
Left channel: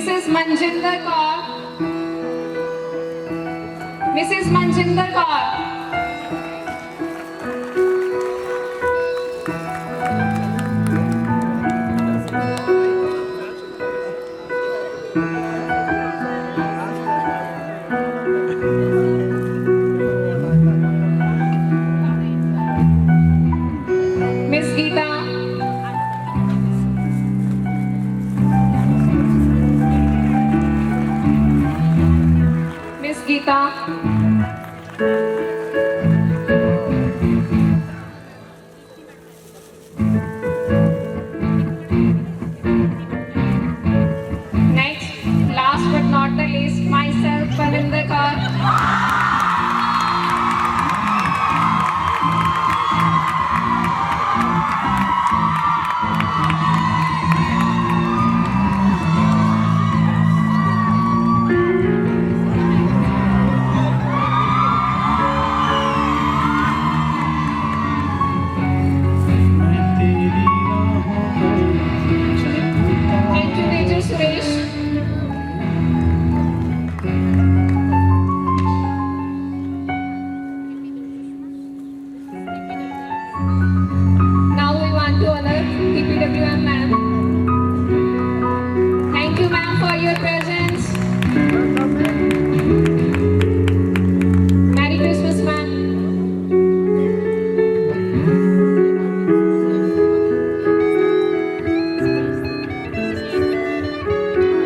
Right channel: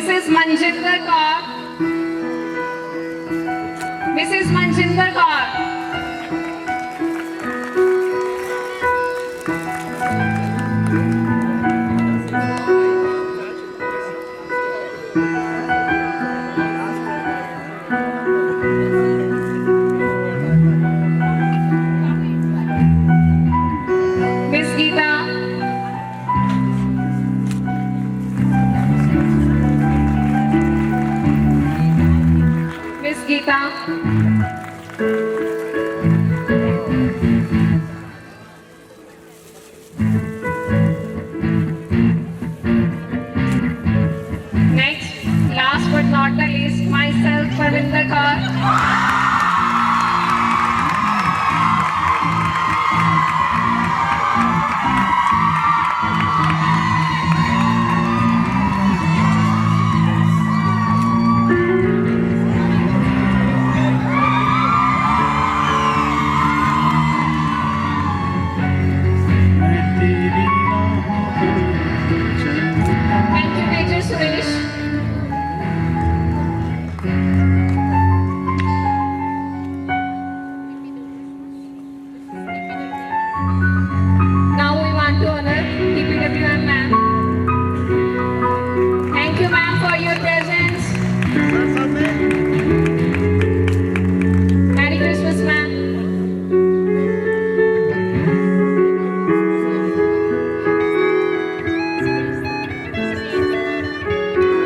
Mrs. Manjinder Kaur. Mrs. Manjinder Kaur. Miss Geeta. Miss Geeta. Next, last but not the least, myself, Parvinder Kaur. Thank you, Major Suresh. Now we want to honor DPWM ma'am. Thank you, ma'am, for your presence. Merry Christmas, ma'am.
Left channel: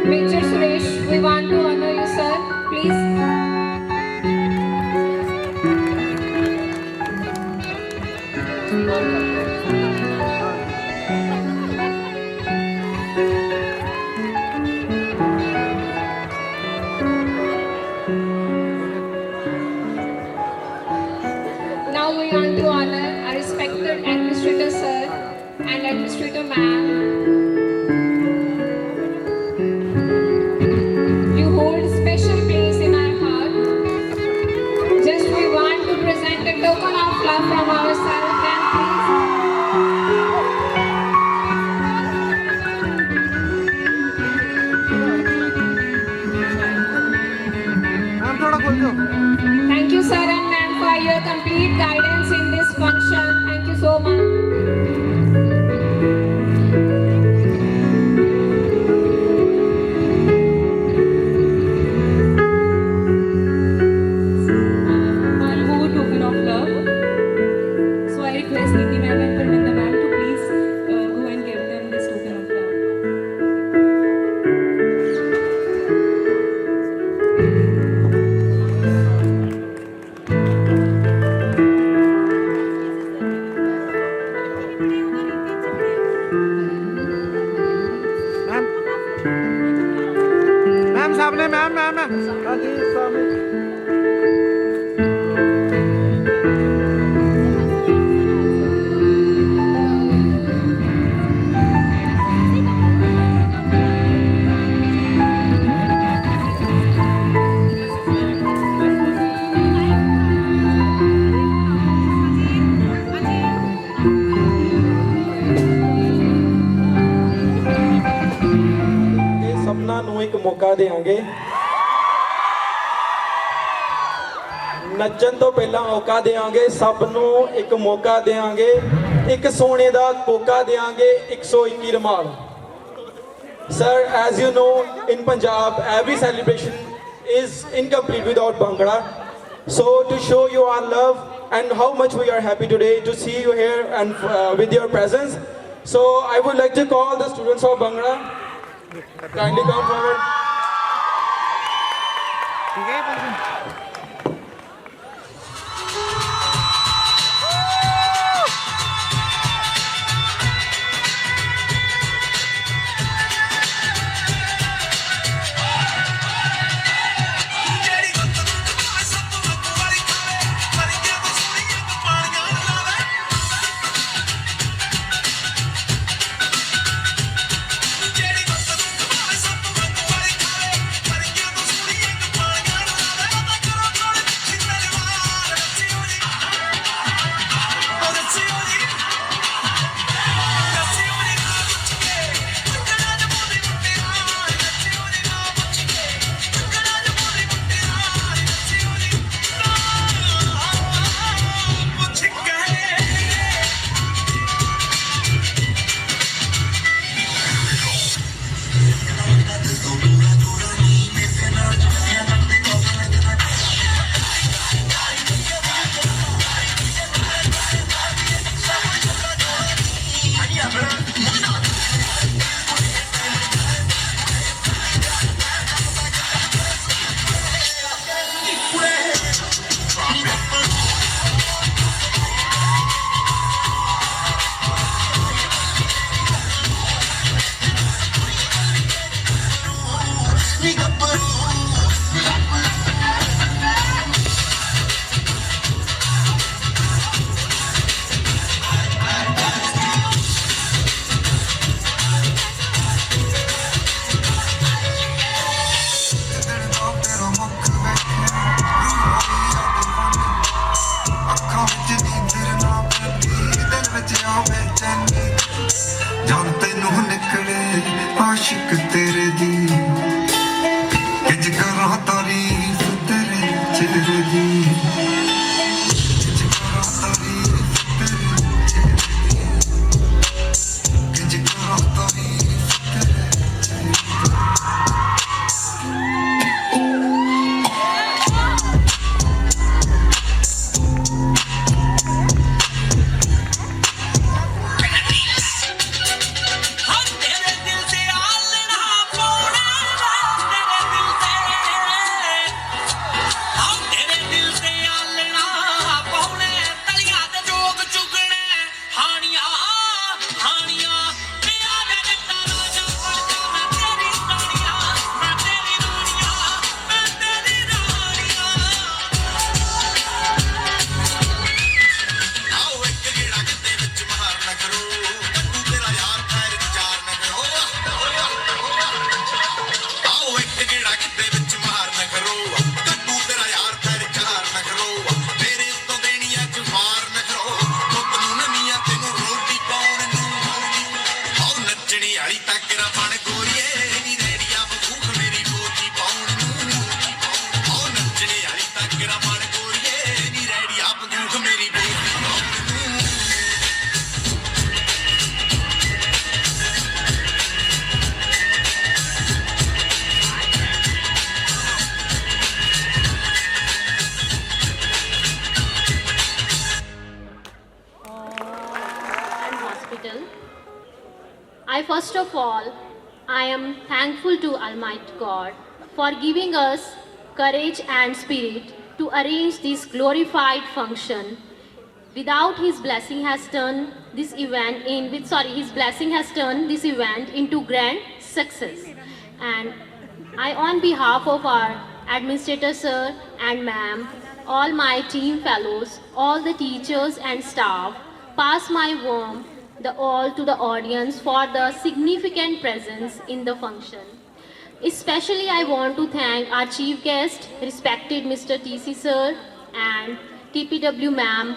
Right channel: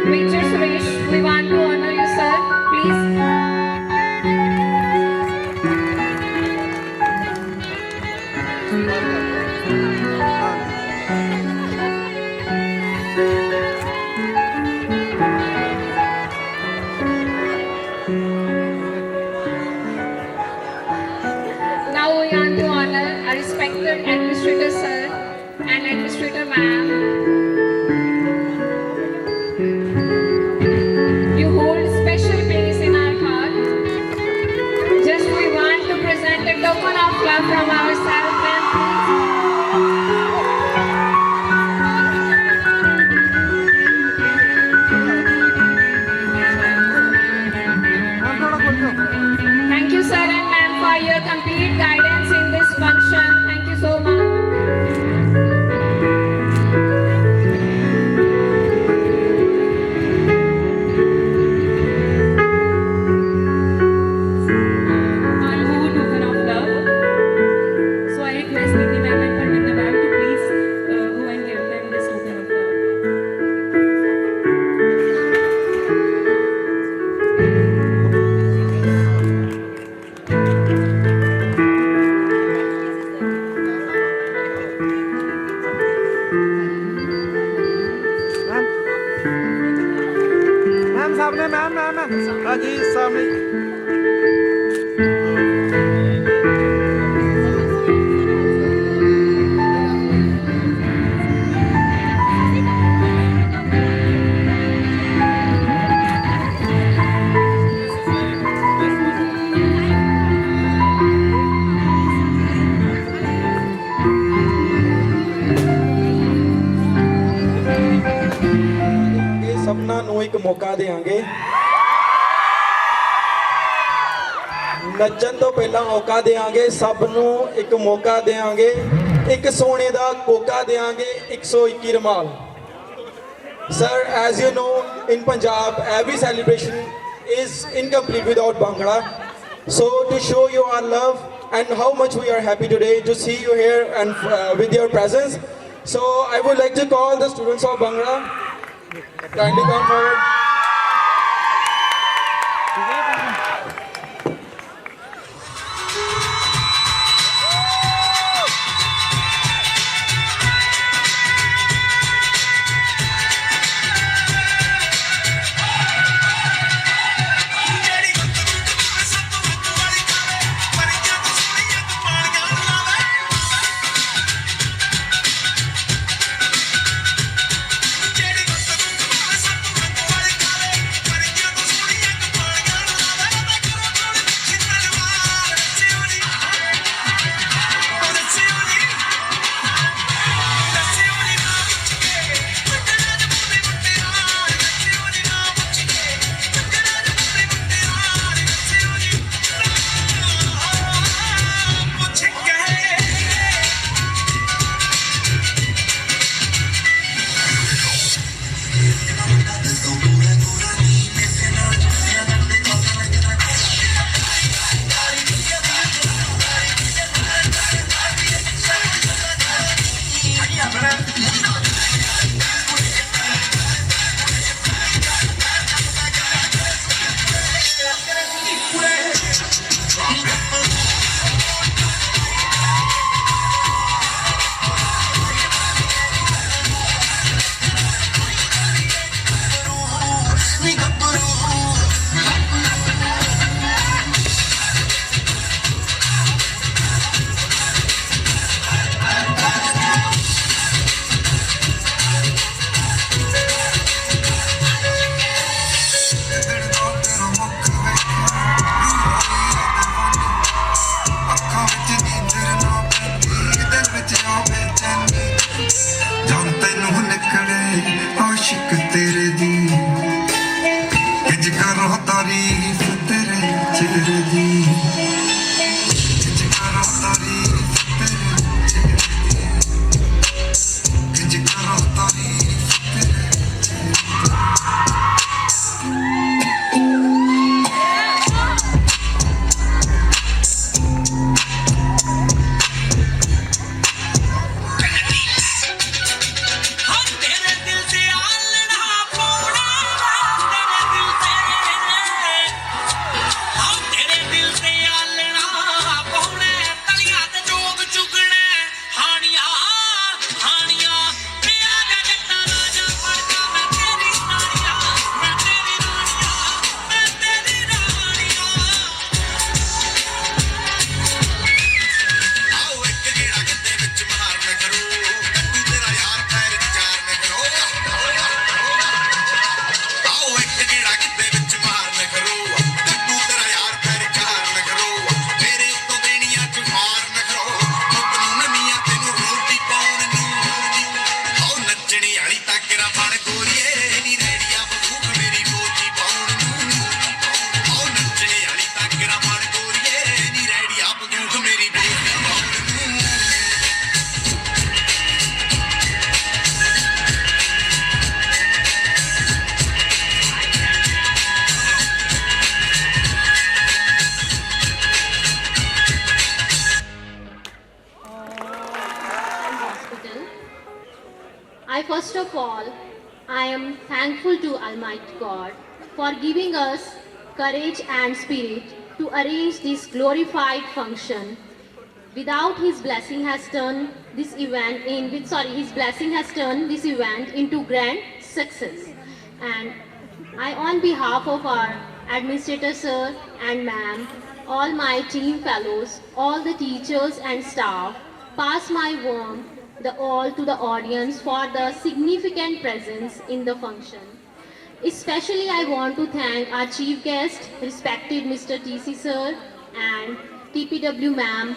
Major Suresh, we want to honor you, sir. Please. Now we want to honor our respected administrator, sir, and administrator, ma'am. You hold a special place in our heart. Just we want to present a token of love from ourselves and please. Thank you, sir and ma'am, for your complete guidance in this function. Thank you so much. I hold token of love. So I request Nidhi ma'am and Parvinder ma'am to please go and give them this token of love. Ma'am सामने ma'am ma'am ma'am हाँ जी सामने ਇਹ ਸਭਨਾਂ ਨੂੰ ਇੱਕ ਮੌਕਾ ਦੇਵਾਂਗੇ ਨੱਚਣ ਤੋਂ ਪਹਿਲਾਂ ਮੌਕਾ ਦੇਵਾਂਗੇ ਸਭ ਨੂੰ ਇੱਕ ਮੌਕਾ ਦੇਵਾਂਗੇ ਇੱਕ ਸੋਨੇ ਦਾ ਕੋਕਾ ਦੇਵਾਂਗੇ 121 ਰੁਮਾਲ Sir, as you know, in Punjab, every celebration is incomplete without Bhangra. So, to show you our love and how much we are happy today to see you here and with your presence, so I would like to call the students of Bhangra. Kindly come forward. जान तेनू निकले आशिक तेरे दी किज करो तारीफ तेरे चेहरे दी किज करो तारीफ तेरे चेहरे दी किज करो तारीफ तेरे चेहरे दी First of all, I am thankful to Almighty God for giving us courage and spirit to arrange this glorified function. Without His blessing has turned this event into grand success. And I, on behalf of our administrator sir and ma'am, all my team fellows, all the teachers and staff, pass my warm all to the audience for the significant presence in the function. Especially I want to thank our chief guest, respected Mr. TC sir and TPW ma'am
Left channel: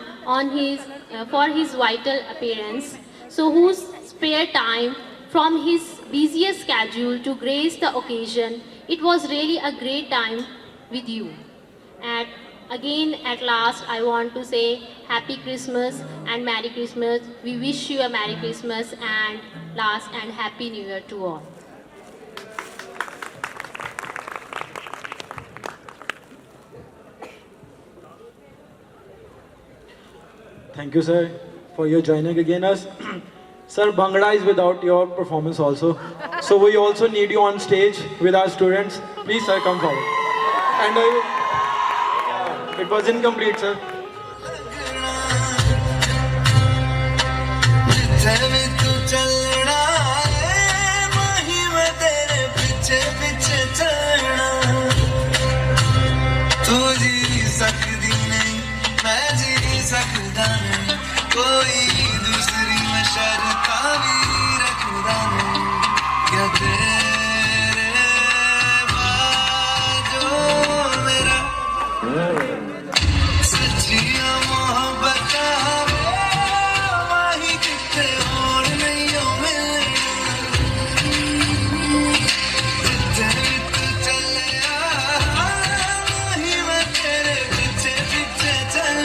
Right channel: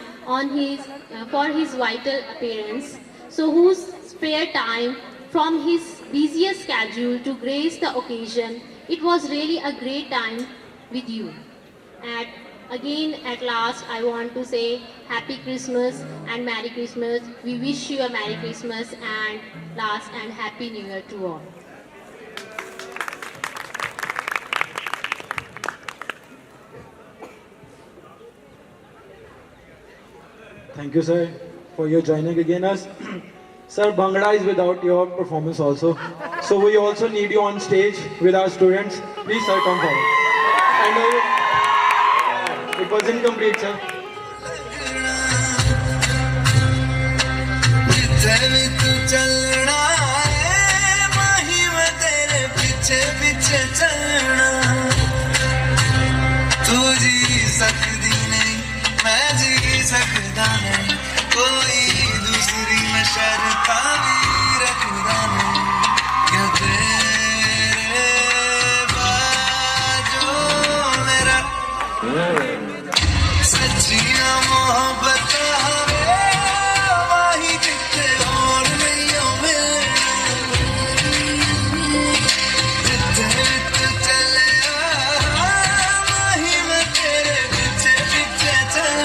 for his vital appearance, so whose spare time from his busiest schedule to grace the occasion. It was really a great time with you. And again, at last, I want to say Happy Christmas and Merry Christmas. We wish you a Merry Christmas and last and Happy New Year to all. Thank you, sir, for your joining again us. Sir, Bhangra is without your performance also. So we also need you on stage with our students. Please, sir, come forward. And it was incomplete, sir. कोई दूसरी में शर्ता भी रखदा नहीं क्या तेरे बाजो मेरा सच्चिया मोहब्बत वही कितने और नहीं हो जितने चले वही मैं तेरे पीछे पीछे चल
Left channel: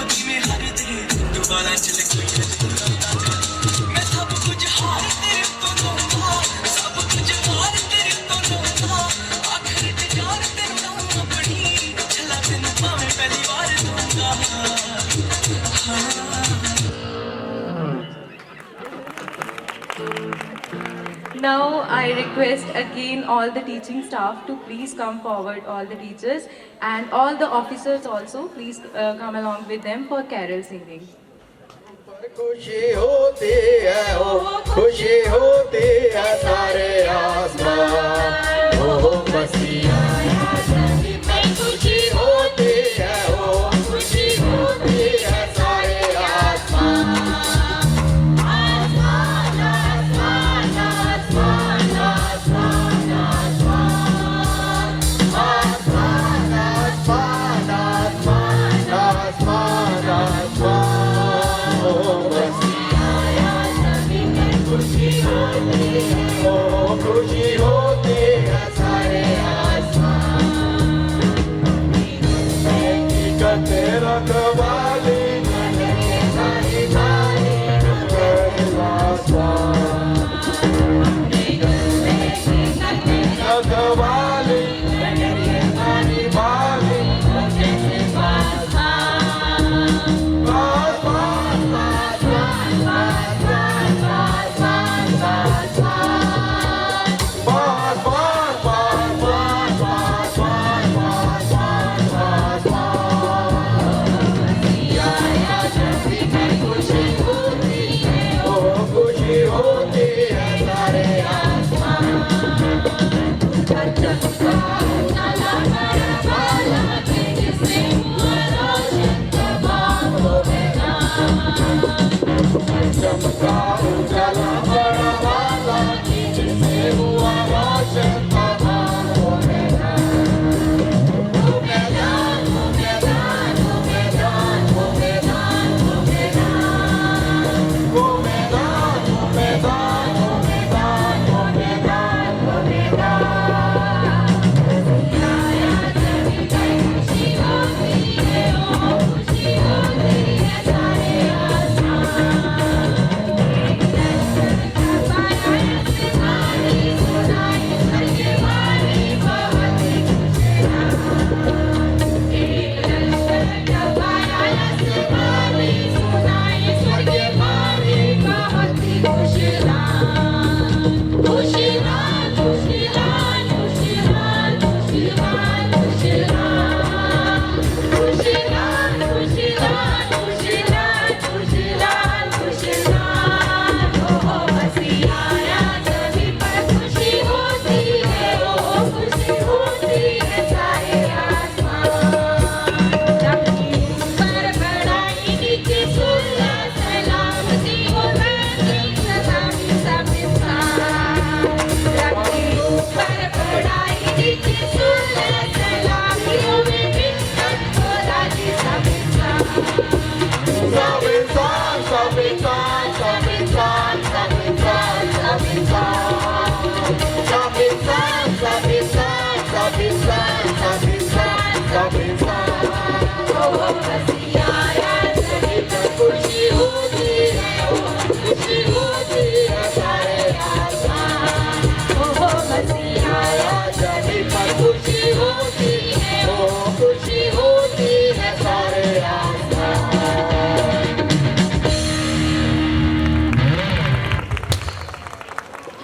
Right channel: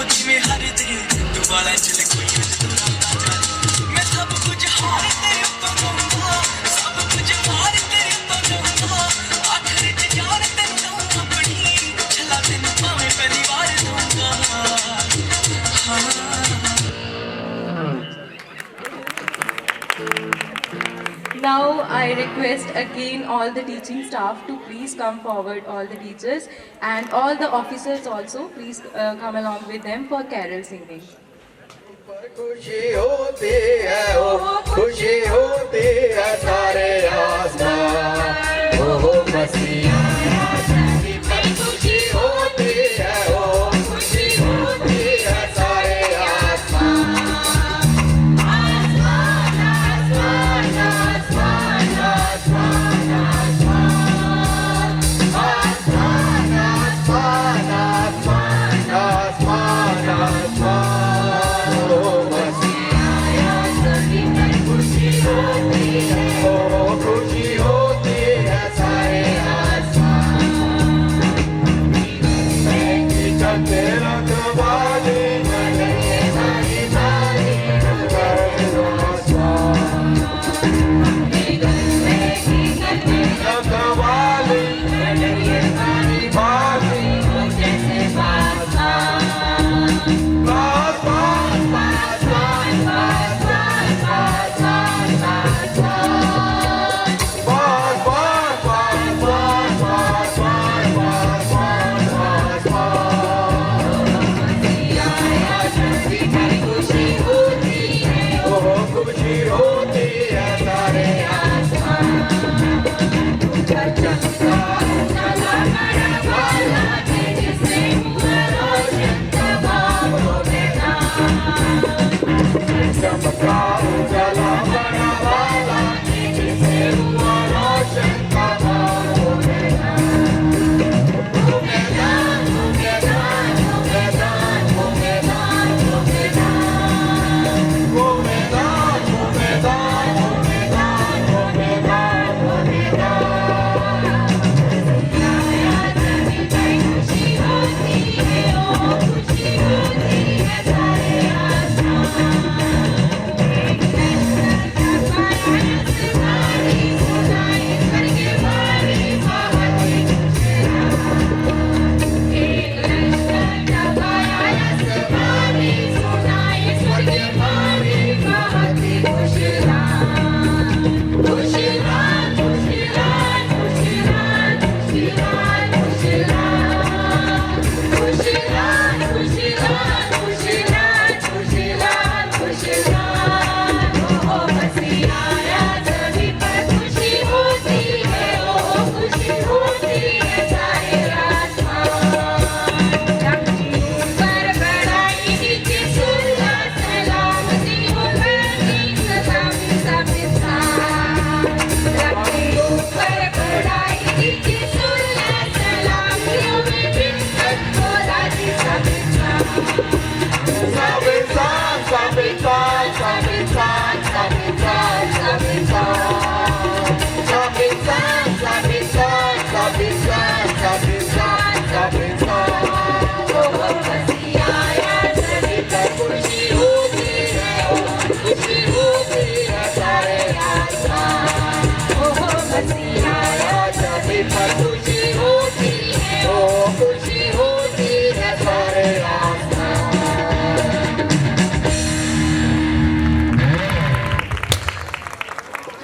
को जिਵੇਂ हर दे तू वाला चले कोई मैं सब कुछ हार तेरे तो लूंगा सब कुछ हार तेरे तो लूंगा आखिर ते जान तेरे नाम अपनी छला तेनू भाਵੇਂ पहली बार दूंगा Now I request again all the teaching staff to please come forward, all the teachers and all the officers also, please come along with them for carol singing. खुशी होती है ओ खुशी होती है सारे आसमान ओ मसीहा खुशी होती है ओ खुशी होती है सारे आसमान आसमान आसमान आसमान आसमान आसमान आसमान आसमान आसमान आसमान ओ मसीहा खुशी होती है ओ खुशी होती है सारे आसमान तेरा qawwali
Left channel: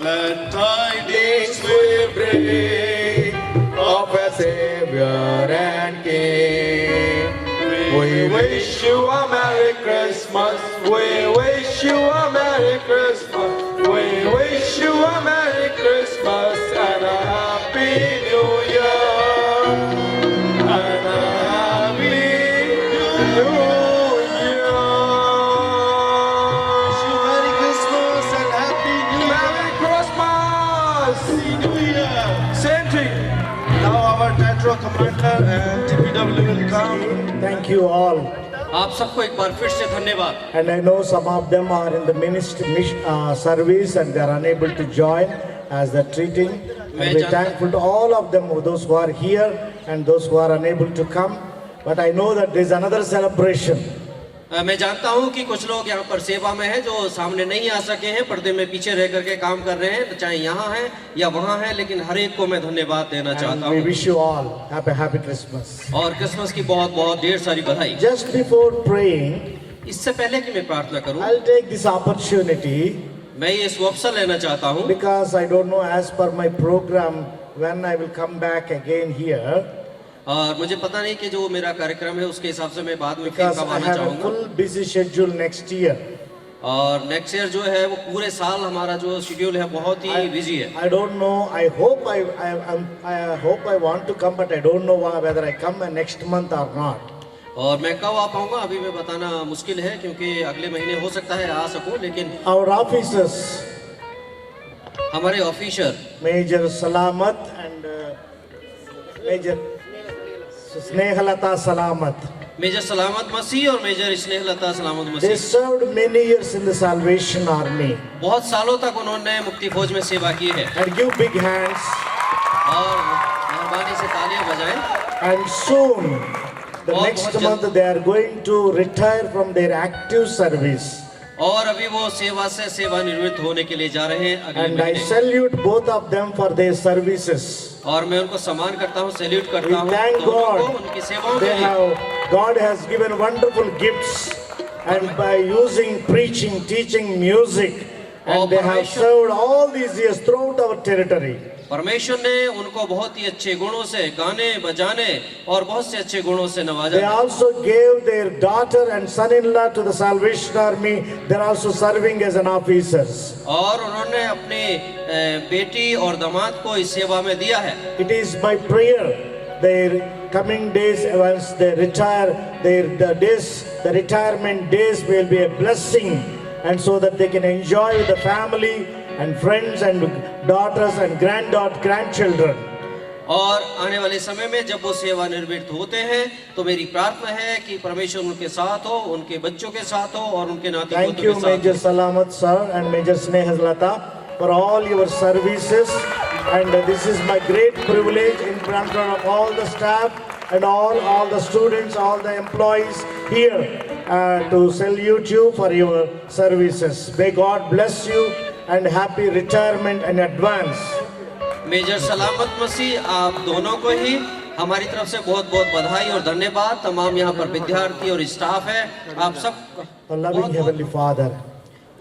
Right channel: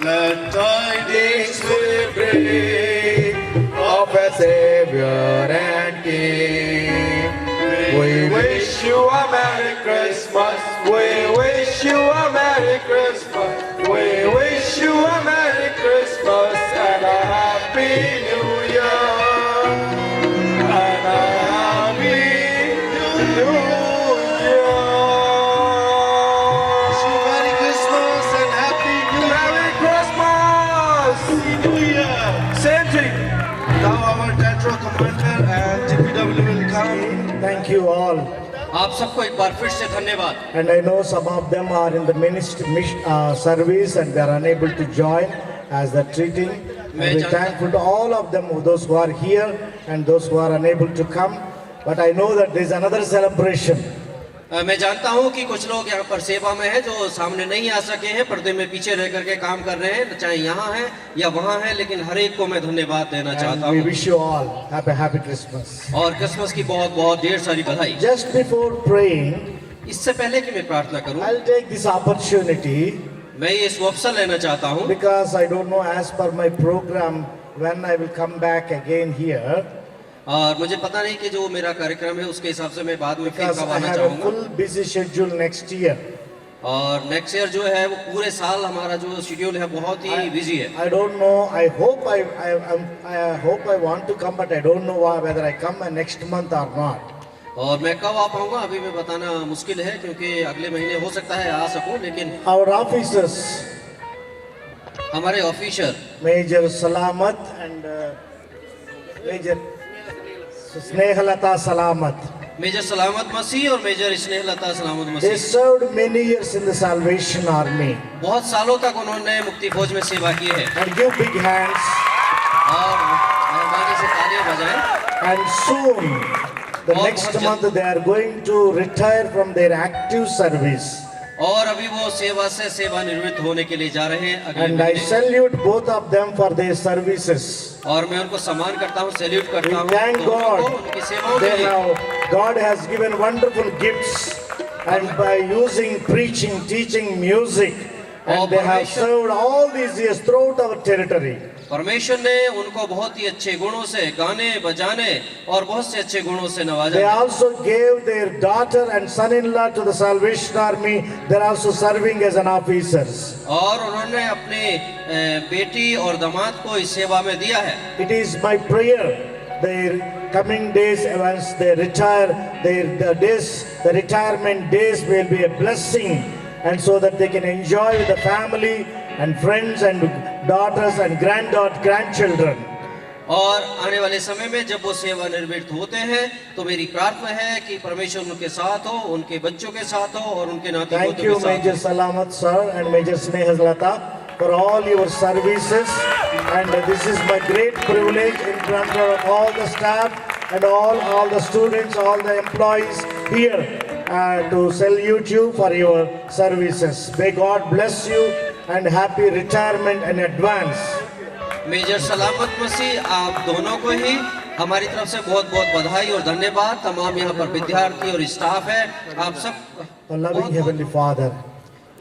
Let tidings we bring of a Savior and King. We wish you a Merry Christmas. We wish you a Merry Christmas. We wish you a Merry Christmas and a Happy New Year. And a Happy New Year. Merry Christmas and Happy New Year. Merry Christmas. New Year. Same thing. Now our Tetro commander and TPW will come. Thank you all. आप सबको एक बार फिर से धन्यवाद. And I know some of them are in the service and they are unable to join as they're treating. And we're thankful to all of them, those who are here and those who are unable to come. But I know that there's another celebration मैं जानता हूं कि कुछ लोग यहाँ पर सेवा में हैं जो सामने नहीं आ सके हैं, पर्दे में पीछे रह करके काम कर रहे हैं, चाहे यहाँ हैं या वहाँ हैं, लेकिन हर एक को मैं धन्यवाद देना चाहता And we हूँ wish you all happy Christmas. और क्रिसमस की बहुत बहुत ढेर सारी बधाई। Just before praying, इससे पहले कि मैं प्रार्थना करूं, I'll take this opportunity मैं ये अवसर लेना चाहता हूं because I don't know as per my program when I will come back again here. और मुझे पता नहीं कि जो मेरा कार्यक्रम है उसके हिसाब से मैं बाद में फिर Because कब I आना have a चाहूंगा। full busy schedule next year. और नेक्स्ट ईयर जो है वो पूरे साल हमारा जो शेड्यूल है बहुत ही बिजी है। I don't know. I hope I want to come, but I don't know whether I come next month or not. और मैं कब आ पाऊंगा अभी मैं बताना मुश्किल है, क्योंकि अगले महीने हो सकता है आ सकूं, लेकिन Our officers, हमारे officer Major Salamat and Major Snehalata Salamat, Major Salamat Masih और मेजर स्नेहलता सलामत they मसीह served many years in the Salvation Army. बहुत सालों तक उन्होंने मुक्ति फौज में सेवा की है। And give big hands. और मेहरबानी से तालियां बजाएं। And soon, the next month, they are going to retire from their active service. और अभी वो सेवा से सेवानिवृत्त होने के लिए जा रहे हैं अगले And I महीने। salute both of them for their services. और मैं उनको सम्मान करता हूँ, सैल्यूट We करता हूँ thank दोनों को, God. उनकी सेवाओं They के लिए। God has given wonderful gifts, and by using preaching, teaching, music, and they have served all these years throughout our territory. परमेश्वर ने उनको बहुत ही अच्छे गुणों से गाने बजाने और बहुत से अच्छे गुणों से They नवाजा। also gave their daughter and son-in-law to the Salvation Army. They are also serving as an officers. और उन्होंने अपने बेटी और दामाद को इस सेवा में दिया है। It is my prayer their coming days, once they retire, the retirement days will be a blessing, and so that they can enjoy with the family and friends and daughters and grandchildren. और आने वाले समय में जब वो सेवानिवृत्त होते हैं तो मेरी प्रार्थना है कि परमेश्वर उनके साथ हो, उनके बच्चों के साथ हो और उनके नाती Thank पोतों you, के साथ Major हो। Salamat sir and Major Snehalata, for all your services, and this is my great privilege in front of all the staff and all the students, all the employees here to salute you for your services. May God bless you and happy retirement in advance. Major Salamat Masih आप दोनों को ही हमारी तरफ से बहुत बहुत बधाई और धन्यवाद। तमाम यहाँ पर विद्यार्थी और स्टाफ है, आप सब Our loving Heavenly Father,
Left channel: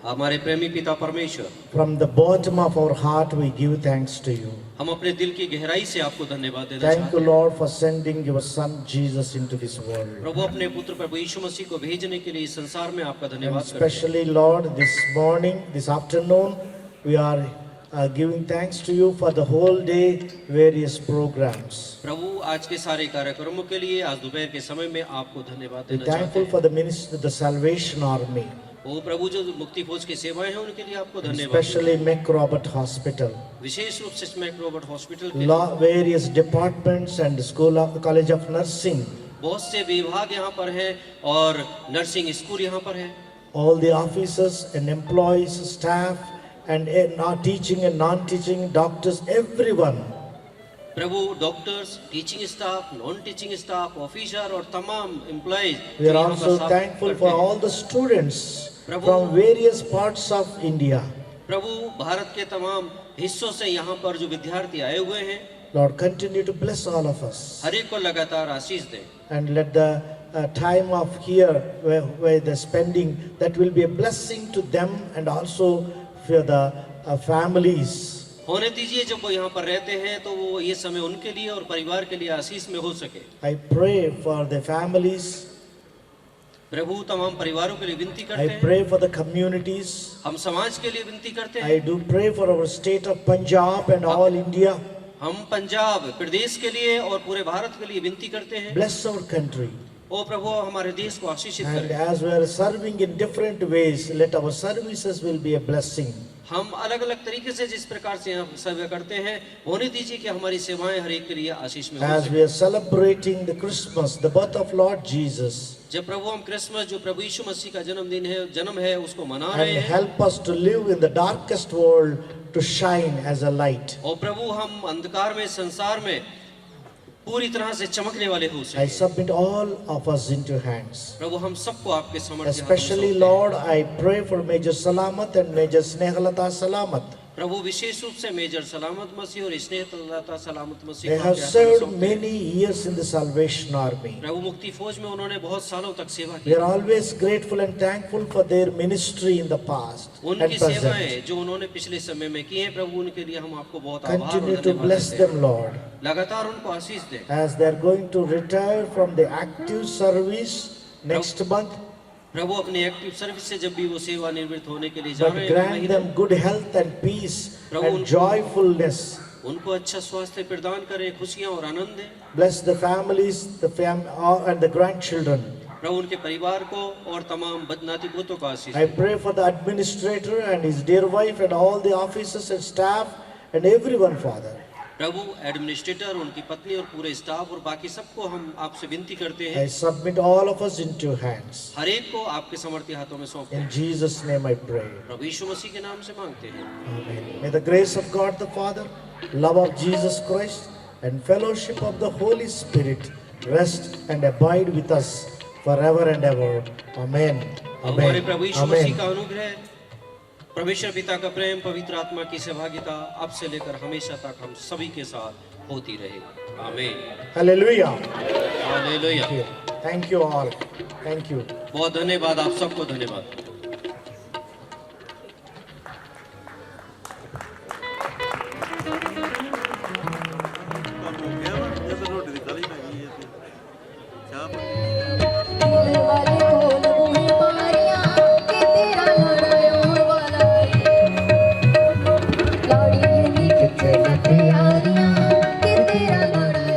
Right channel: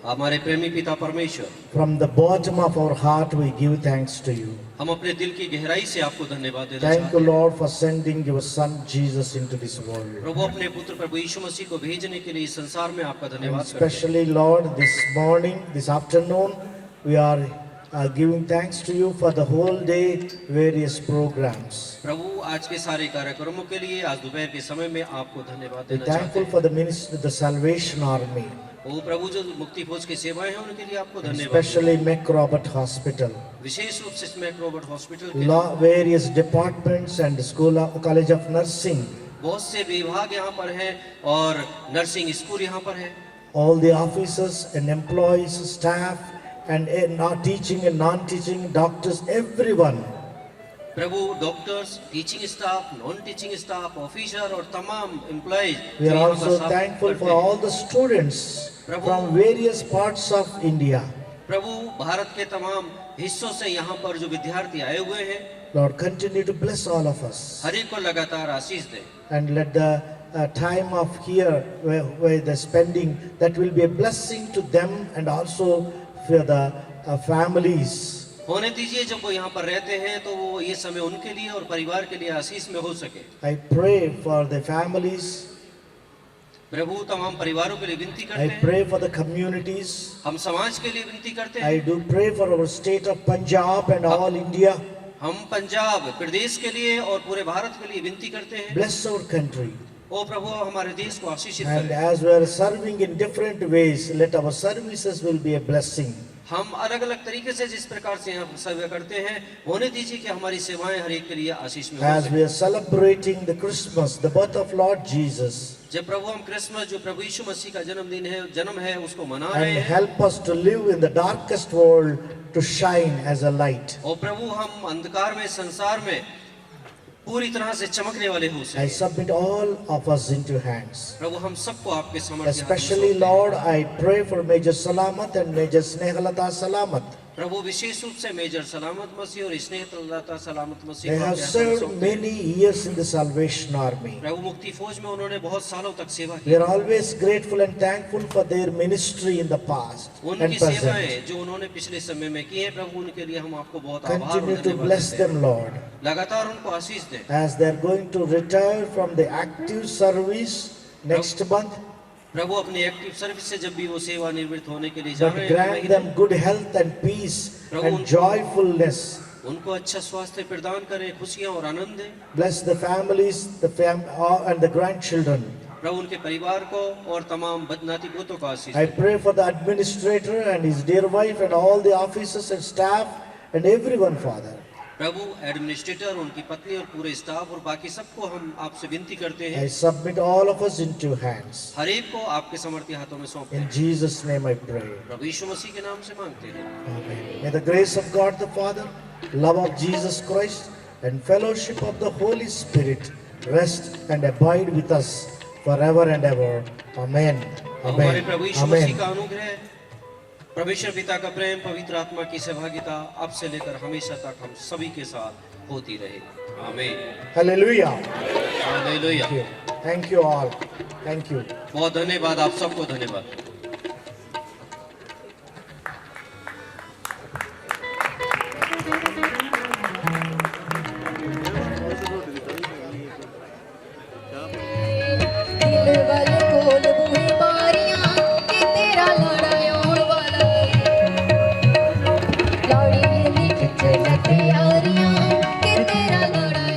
हमारे प्रेमी पिता परमेश्वर, from the bottom of our heart we give thanks to you. हम अपने दिल की गहराई से आपको धन्यवाद देना Thank चाहते you, हैं। Lord, for sending your Son Jesus into this world. प्रभु अपने पुत्र प्रभु यीशु मसीह को भेजने के लिए इस संसार में आपका And धन्यवाद करते हैं। especially, Lord, this morning, this afternoon, we are giving thanks to you for the whole day various programs. प्रभु आज के सारे कार्यक्रमों के लिए आज दोपहर के समय में आपको धन्यवाद We're देना चाहते thankful हैं। for the ministry, the Salvation Army, वो प्रभु जो मुक्ति फौज की सेवाएं हैं उनके लिए आपको धन्यवाद। especially Mac Robert Hospital, विशेष रूप से इसमें रॉबर्ट हॉस्पिटल के लिए various departments and College of Nursing, बहुत से विभाग यहाँ पर हैं और नर्सिंग स्कूल यहाँ पर है। all the officers and employees, staff, and not teaching and non-teaching, doctors, everyone. Prabhu doctors, teaching staff, non teaching staff, officer और तमाम employees We are also thankful for all the students from various parts of India. प्रभु भारत के तमाम हिस्सों से यहाँ पर जो विद्यार्थी आए हुए हैं, Lord, continue to bless all of us, हर एक को लगातार आशीष दें and let the time of here where the spending, that will be a blessing to them and also for the families. होने दीजिए। जब वो यहाँ पर रहते हैं तो वो ये समय उनके लिए और परिवार के लिए आशीष में हो सके। I pray for the families. प्रभु तमाम परिवारों के लिए विनती करते I हैं। pray for the communities. हम समाज के लिए विनती करते हैं। I do pray for our state of Punjab and all India. हम पंजाब प्रदेश के लिए और पूरे भारत के लिए विनती करते हैं। Bless our country. ओ प्रभु हमारे देश को आशीषित And करें। as we are serving in different ways, let our services will be a blessing. हम अलग अलग तरीके से जिस प्रकार से यहाँ सेवा करते हैं, होने दीजिए कि हमारी सेवाएं हर एक के लिए आशीष में हो As सके। we are celebrating the Christmas, the birth of Lord Jesus, जब प्रभु हम क्रिसमस जो प्रभु यीशु मसीह का जन्म है उसको मना and रहे हैं, help us to live in the darkest world to shine as a light. और प्रभु हम अंधकार में संसार में पूरी तरह से चमकने वाले हो I सके। submit all of us into your hands. प्रभु हम सबको आपके सामर्थ्य हाथों में Especially, सौंपते हैं। Lord, I pray for Major Salamat and Major Snehalata Salamat. प्रभु विशेष रूप से मेजर सलामत मसीह और स्नेहलता सलामत मसीह They को have आपके हाथों में served सौंपते हैं। many years in the Salvation Army. प्रभु मुक्ति फौज में उन्होंने बहुत सालों तक सेवा We की। are always grateful and thankful for their ministry in the past and उनकी present. सेवाएं जो उन्होंने पिछले समय में की हैं, प्रभु उनके लिए हम आपको बहुत आभार और Continue to धन्यवाद bless देते हैं। them, Lord, लगातार उनको आशीष दें। as they are going to retire from the active service next month. प्रभु अपने एक्टिव सर्विस से जब भी वो सेवा निवृत्त होने के लिए जा But रहे grant हैं, them good health and peace and joyfulness. उनको अच्छा स्वास्थ्य प्रदान करें, खुशियां और आनंद दें। Bless the families, and the grandchildren. प्रभु उनके परिवार को और तमाम बदनाती पोतों को आशीष I दें। pray for the administrator and his dear wife and all the officers and staff and everyone, Father. प्रभु एडमिनिस्ट्रेटर, उनकी पत्नी और पूरे स्टाफ और बाकी सबको हम आपसे विनती करते I हैं, submit all of us into your hands. हर एक को आपके समर्थी हाथों में सौंपते In हैं। Jesus' name I pray. प्रभु यीशु मसीह के नाम से मांगते हैं। Amen. May the grace of God the Father, love of Jesus Christ, and fellowship of the Holy Spirit rest and abide with us forever and ever. Amen. हमारे Amen. प्रभु यीशु मसीह Amen. का अनुग्रह, परमेश्वर पिता का प्रेम, पवित्र आत्मा की सहभागिता अब से लेकर हमेशा तक हम सभी के साथ होती रहे। आमीन। Hallelujah. Hallelujah. Thank you all. Thank you. बहुत धन्यवाद, आप सबको धन्यवाद।